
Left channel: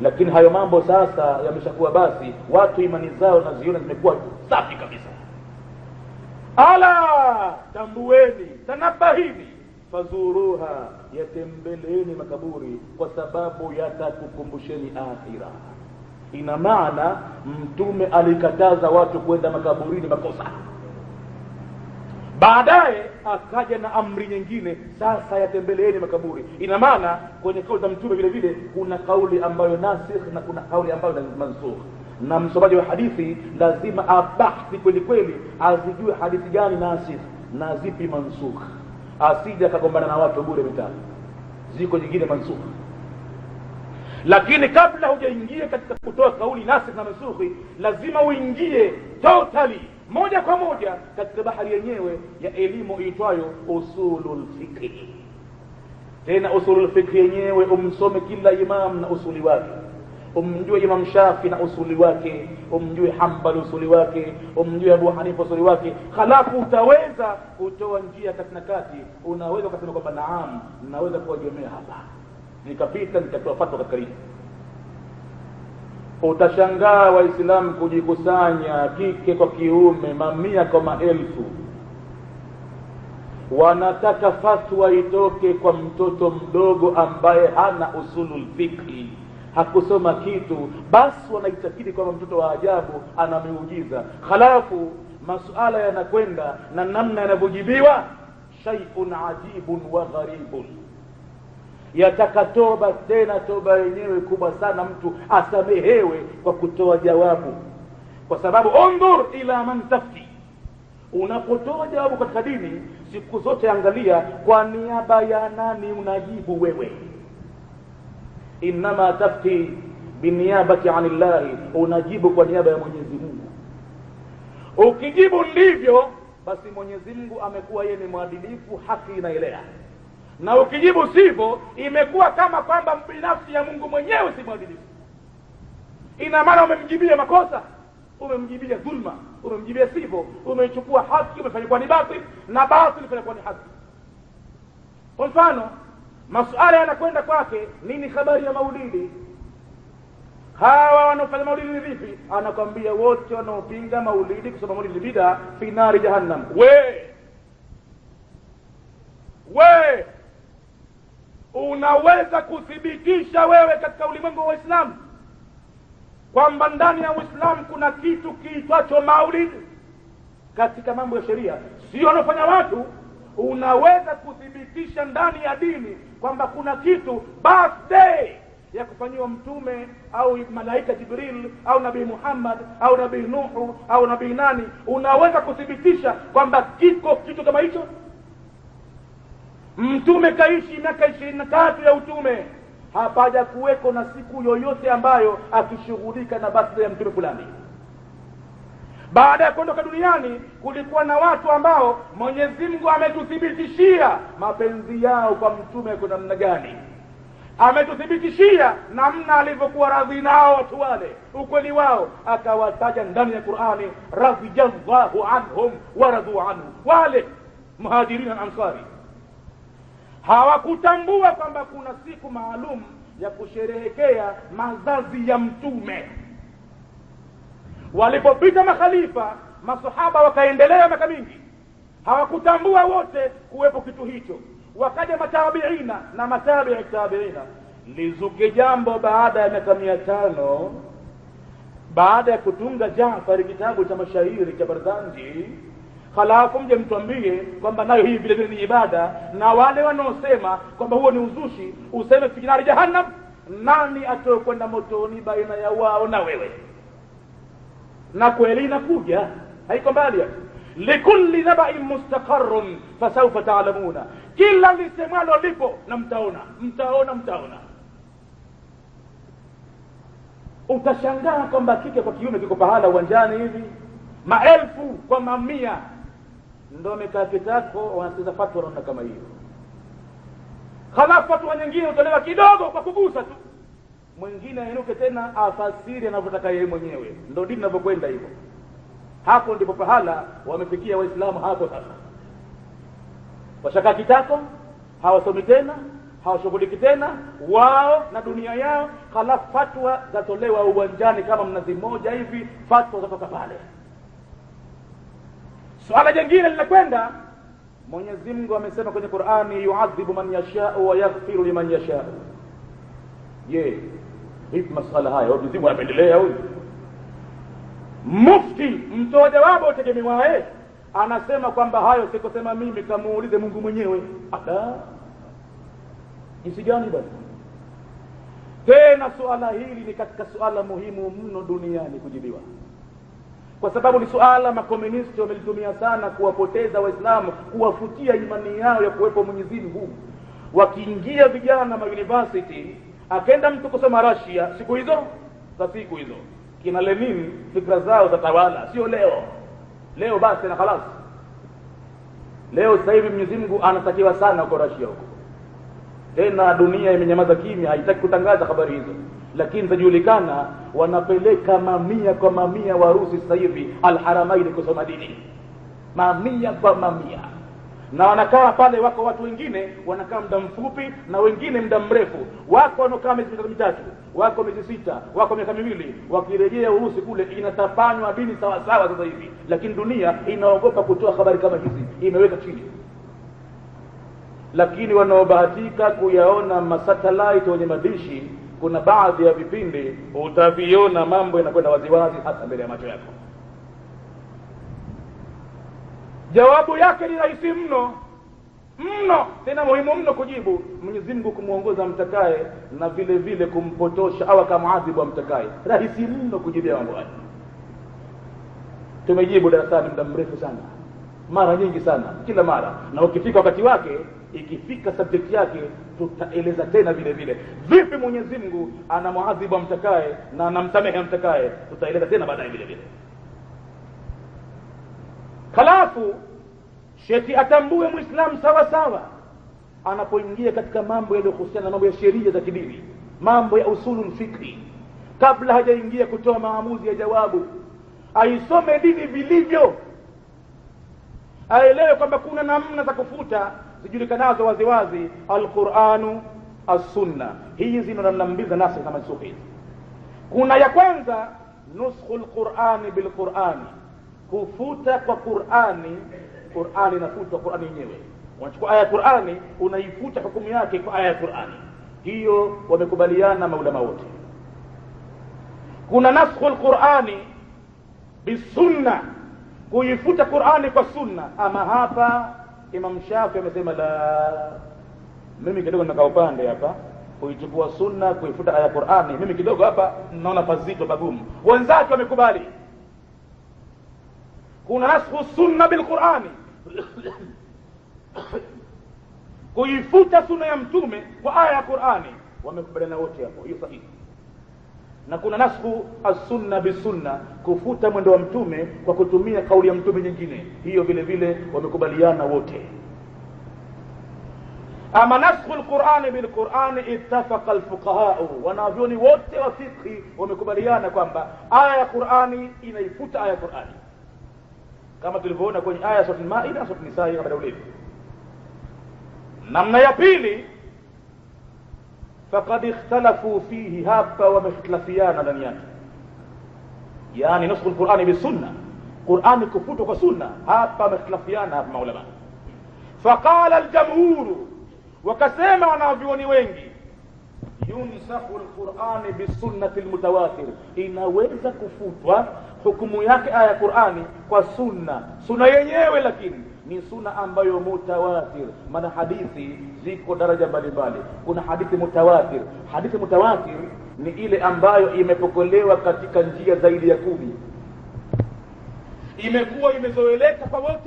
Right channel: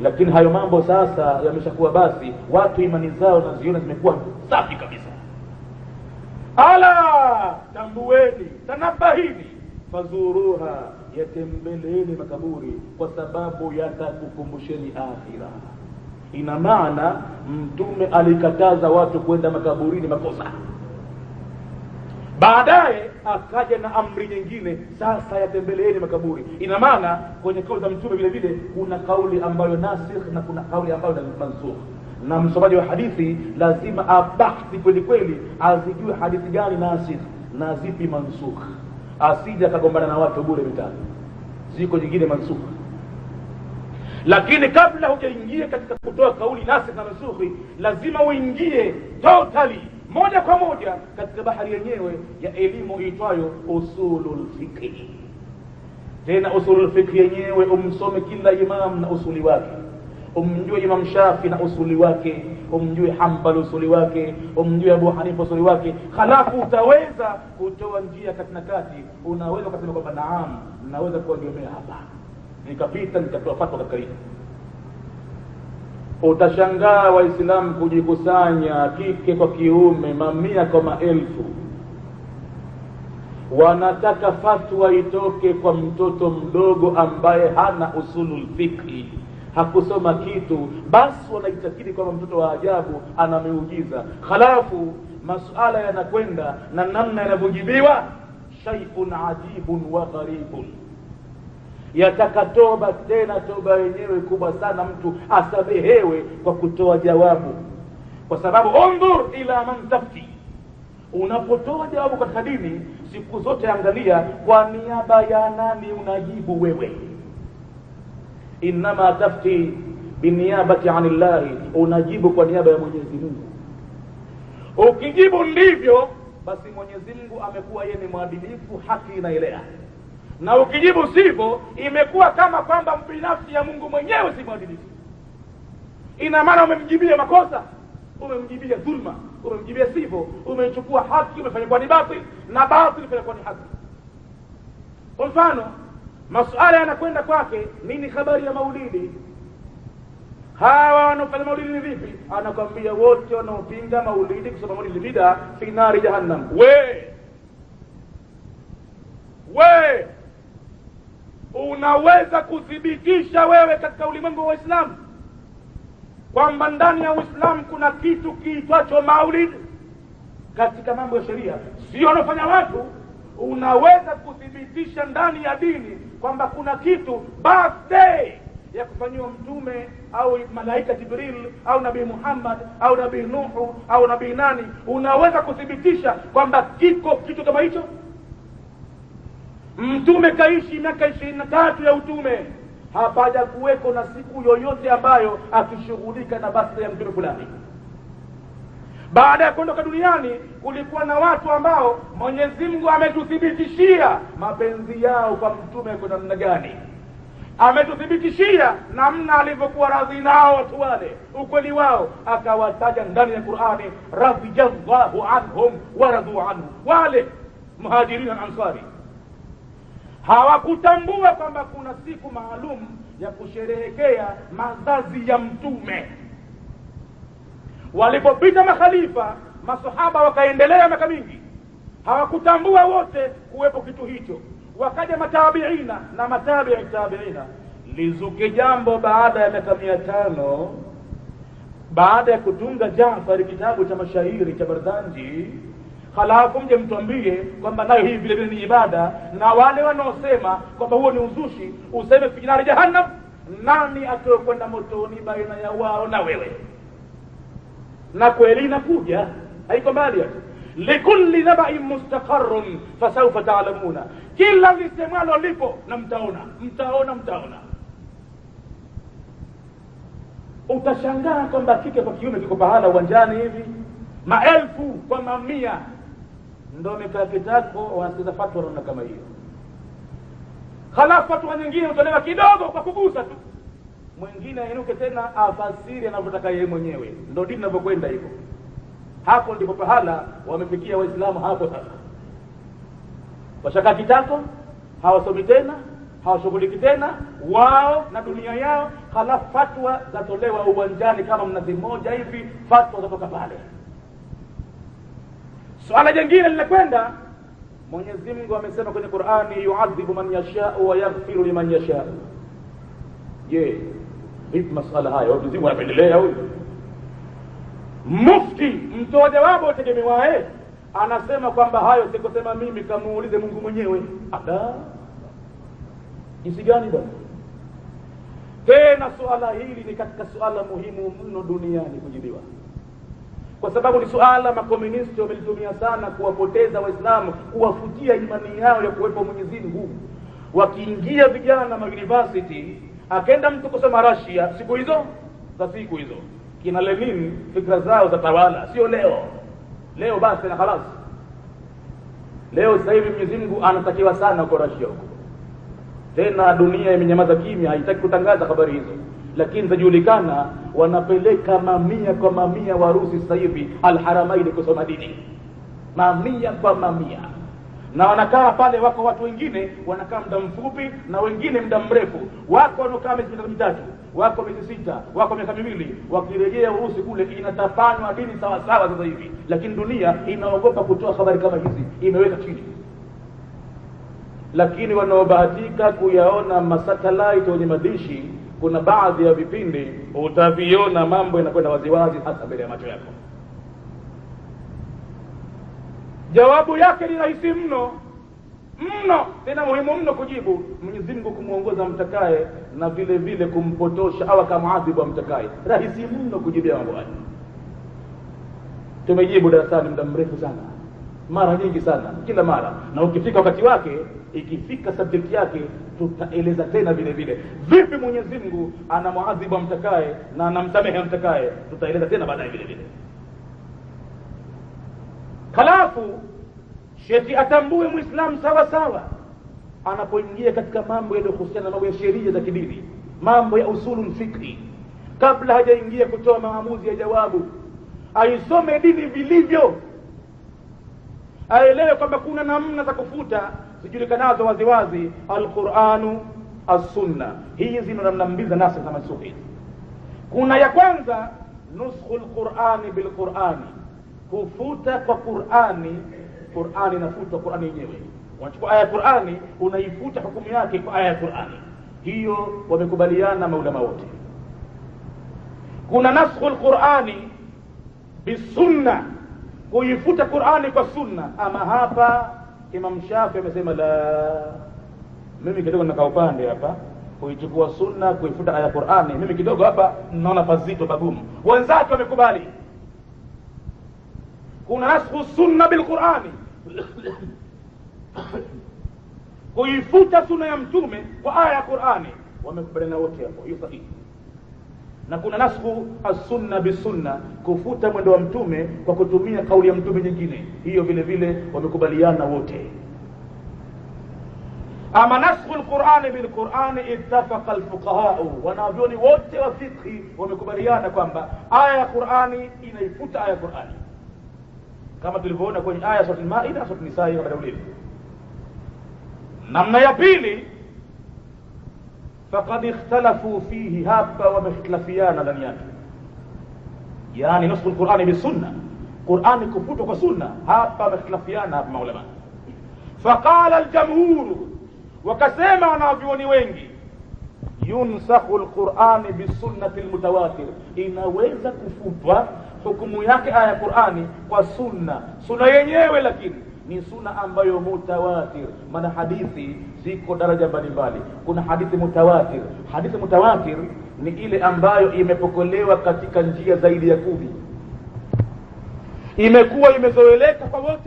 Lakini hayo mambo sasa yameshakuwa, basi watu imani zao naziona zimekuwa safi kabisa. Ala tambueni, tanabahini, fazuruha, yatembeleni makaburi, kwa sababu yatakukumbusheni akhira. Ina maana Mtume alikataza watu kwenda makaburini makosa, baadaye akaja na amri nyingine, sasa yatembeleeni makaburi. Ina maana kwenye kauli za Mtume vile vile kuna kauli ambayo nasikh na kuna kauli ambayo ni mansukh, na msomaji wa hadithi lazima abahthi kweli kweli, azijue hadithi gani nasikh na zipi mansukh, asije akagombana na watu bure mitatu. Ziko nyingine mansukh, lakini kabla hujaingia katika kutoa kauli nasikh na mansukh, lazima uingie totally moja kwa moja katika bahari yenyewe ya elimu itwayo usulul fiqh. Tena usulul fiqh yenyewe umsome kila imam na usuli wake, umjue Imam Shafi na usuli wake, umjue Hanbali usuli wake, umjue Abu Hanifa usuli wake. Halafu utaweza kutoa njia kati na kati, unaweza kusema kwamba naam, naweza kuegemea hapa, nikapita nikatoa fatwa katika hili. Utashangaa Waislamu kujikusanya kike kwa kiume, mamia kwa maelfu, wanataka fatwa itoke kwa mtoto mdogo ambaye hana usulul fiqh, hakusoma kitu, basi wanaitakidi kwamba mtoto wa ajabu ana miujiza. Halafu masuala yanakwenda na namna yanavyojibiwa, shay'un ajibun wa gharibun, yataka toba, tena toba yenyewe kubwa sana, mtu asamehewe kwa kutoa jawabu. Kwa sababu undhur ila man tafti, unapotoa jawabu katika dini siku zote angalia kwa niaba ya nani unajibu wewe. innama tafti biniyabati anillahi, unajibu kwa niaba ya Mwenyezi Mungu. Ukijibu ndivyo, basi Mwenyezi Mungu amekuwa yeye ni mwadilifu, haki inaelea. Na ukijibu sivyo, imekuwa kama kwamba binafsi ya Mungu mwenyewe si mwadilifu. Ina maana umemjibia makosa, umemjibia dhulma, umemjibia sivyo, umechukua haki umefanya kwa ni batili, na batili umefanya kwa ni haki. Kwa mfano, masuala yanakwenda kwake, nini habari ya maulidi? Hawa wanaofanya maulidi ni vipi? Anakwambia wote wanaopinga maulidi, kusema maulidi bid'a, fi nari jahannam. We unaweza kuthibitisha wewe katika ulimwengu wa Uislamu kwamba ndani ya Uislamu kuna kitu kiitwacho maulidi katika mambo ya sheria, sio wanaofanya watu? Unaweza kuthibitisha ndani ya dini kwamba kuna kitu birthday ya kufanyiwa mtume au malaika Jibril au nabii Muhammad au nabii Nuhu au nabii nani? Unaweza kuthibitisha kwamba kiko kitu kama hicho? Mtume kaishi miaka 23 ya utume, hapaja kuweko na siku yoyote ambayo akishughulika na birthday ya mtume fulani. Baada ya kuondoka duniani, kulikuwa na watu ambao Mwenyezi Mungu ametuthibitishia mapenzi yao kwa mtume kwa namna gani, ametuthibitishia namna alivyokuwa radhi nao watu wale, ukweli wao, akawataja ndani ya Qur'ani, radhiyallahu anhum wa radu anhu. Wale muhajirin na ansari hawakutambua kwamba kuna siku maalum ya kusherehekea mazazi ya mtume. Walipopita makhalifa, masahaba wakaendelea miaka mingi, hawakutambua wote kuwepo kitu hicho. Wakaja matabiina na matabi'i tabiina, lizuke jambo baada ya miaka 500 baada ya kutunga Jaafar kitabu cha mashairi cha Barzanji, halafu mje mtuambie kwamba nayo hii vile vile ni ibada, na wale wanaosema kwamba huo ni uzushi useme fi nari jahannam. Nani atokwenda motoni baina ya wao na wewe? Na kweli inakuja, haiko mbali. Likulli naba'in mustaqarrun fasawfa ta'lamuna, kila lisemalo lipo na mtaona. Utashangaa kwamba kike kwa kiume kiko pahala uwanjani hivi, maelfu kwa mamia ndio wamekaa kitako wanasikiza fatwa na kama hiyo. Halafu fatwa nyingine utolewa kidogo kwa kugusa tu, mwingine ainuke tena afasiri anavyotaka yeye mwenyewe. Ndio dini inavyokwenda hivyo. Hapo ndipo pahala wamefikia Waislamu hapo sasa. Washaka kitako, hawasomi tena, hawashughuliki tena wao na dunia yao, halafu fatwa zatolewa uwanjani kama mnazi mmoja hivi, fatwa zatoka pale. Swala jingine linakwenda, Mwenyezi Mungu amesema kwenye Qur'ani, yu'adhibu man yasha'u wa yaghfiru liman yasha'u. Hivi masala hayo Mwenyezi Mungu anapendelea huyu? Mufti mtoa jawabu utegemewae anasema kwamba hayo sikusema mimi, kamuulize Mungu mwenyewe. Jinsi gani basi? Tena suala hili ni katika suala muhimu mno duniani kujibiwa, kwa sababu ni suala makomunisti wamelitumia sana kuwapoteza Waislamu, kuwafutia imani yao ya kuwepo Mwenyezi Mungu. Wakiingia vijana ma university, akenda mtu kusoma Russia siku hizo kina Lenin, fikra zao za tawala, sio leo basi na khalas. Leo sasa hivi Mwenyezi Mungu anatakiwa sana huko Russia huko. Tena dunia imenyamaza kimya, haitaki kutangaza habari hizo, lakini tajulikana wanapeleka mamia kwa mamia Warusi sasa hivi Al-Haramain kusoma dini, mamia kwa mamia. Na wanakaa pale, wako watu wengine wanakaa muda mfupi na wengine muda mrefu, wako wanakaa miezi 3, wako miezi 6, wako miaka 2, wakirejea Urusi kule inatafanywa dini sawa sawa sasa hivi. Lakini dunia inaogopa kutoa habari kama hizi, imeweka chini. Lakini wanaobahatika kuyaona masatellite wenye madishi, kuna baadhi ya vipindi utaviona mambo yanakwenda waziwazi hasa mbele ya macho yako. Jawabu yake ni rahisi mno, tena muhimu mno kujibu. Mwenyezi Mungu kumuongoza mtakaye na vile vile kumpotosha au kamaadhibu mtakaye. Rahisi mno kujibia mambo haya. Tumejibu darasani muda mrefu sana, mara nyingi sana, kila mara, na ukifika wakati wake, ikifika subject yake, tutaeleza tena vile vile vipi Mwenyezi Mungu anamuadhibu amtakaye na anamsamehe amtakaye, tutaeleza tena baadaye vile vile. Halafu sheti atambue Muislamu sawa sawa anapoingia katika mambo yanayohusiana na mambo ya sheria za kidini, mambo ya usulul fiqh, kabla hajaingia kutoa maamuzi ya jawabu, aisome dini vilivyo, aelewe kwamba kuna namna za kufuta zijulikanazo waziwazi, alquranu as-sunna. Hizi ni namna mbili za nasikh na mansukh. Kuna ya kwanza, nuskhul qur'ani bil qur'ani, kufuta kwa Qur'ani. Qur'ani inafutwa, Qur'ani yenyewe unachukua aya ya Qur'ani unaifuta hukumu yake kwa aya ya Qur'ani. Hiyo wamekubaliana maulama wote. Kuna naskhul qur'ani bisunna, kuifuta Qur'ani kwa sunna. Ama hapa Imam Shafi amesema la, mimi kidogo nakaa upande hapa, kuichukua sunna kuifuta aya ya Qur'ani, mimi kidogo hapa naona pazito pagumu. Wenzake wamekubali. Kuna naskhu sunna bil Qur'ani, kuifuta sunna ya mtume kwa aya ya Qur'ani, wamekubaliana wote hapo, hiyo sahihi. Na kuna naskhu as-sunna bisunna, kufuta mwendo wa mtume kwa kutumia kauli ya mtume nyingine, hiyo vile vile wamekubaliana wote. Ama naskhu al-Qur'ani bil Qur'ani, ittafaqa al-fuqaha, wanavyoni wote wa fiqh wamekubaliana kwamba aya ya Qur'ani inaifuta aya ya Qur'ani, kama tulivyoona kwenye aya sura al-Maida, sura an-Nisa kabla ulil. Namna ya pili, faqad ikhtalafu fihi, hapa wamekhtalafiana ndani yake, yani nusukh al-Qur'ani bisunna, Qur'ani kufutwa kwa sunna, hapa wamekhtalafiana hapa maulama. Faqala al-jamhur, wakasema wanavyuoni wengi, yunsakhu al-Qur'ani bisunnati al-mutawatir, inaweza kufutwa hukumu yake aya ya Qur'ani kwa sunna. Sunna yenyewe lakini ni sunna ambayo mutawatir, maana hadithi ziko daraja mbalimbali. Kuna hadithi mutawatir. Hadithi mutawatir ni ile ambayo imepokelewa katika njia zaidi ya 10, imekuwa imezoeleka kwa wote.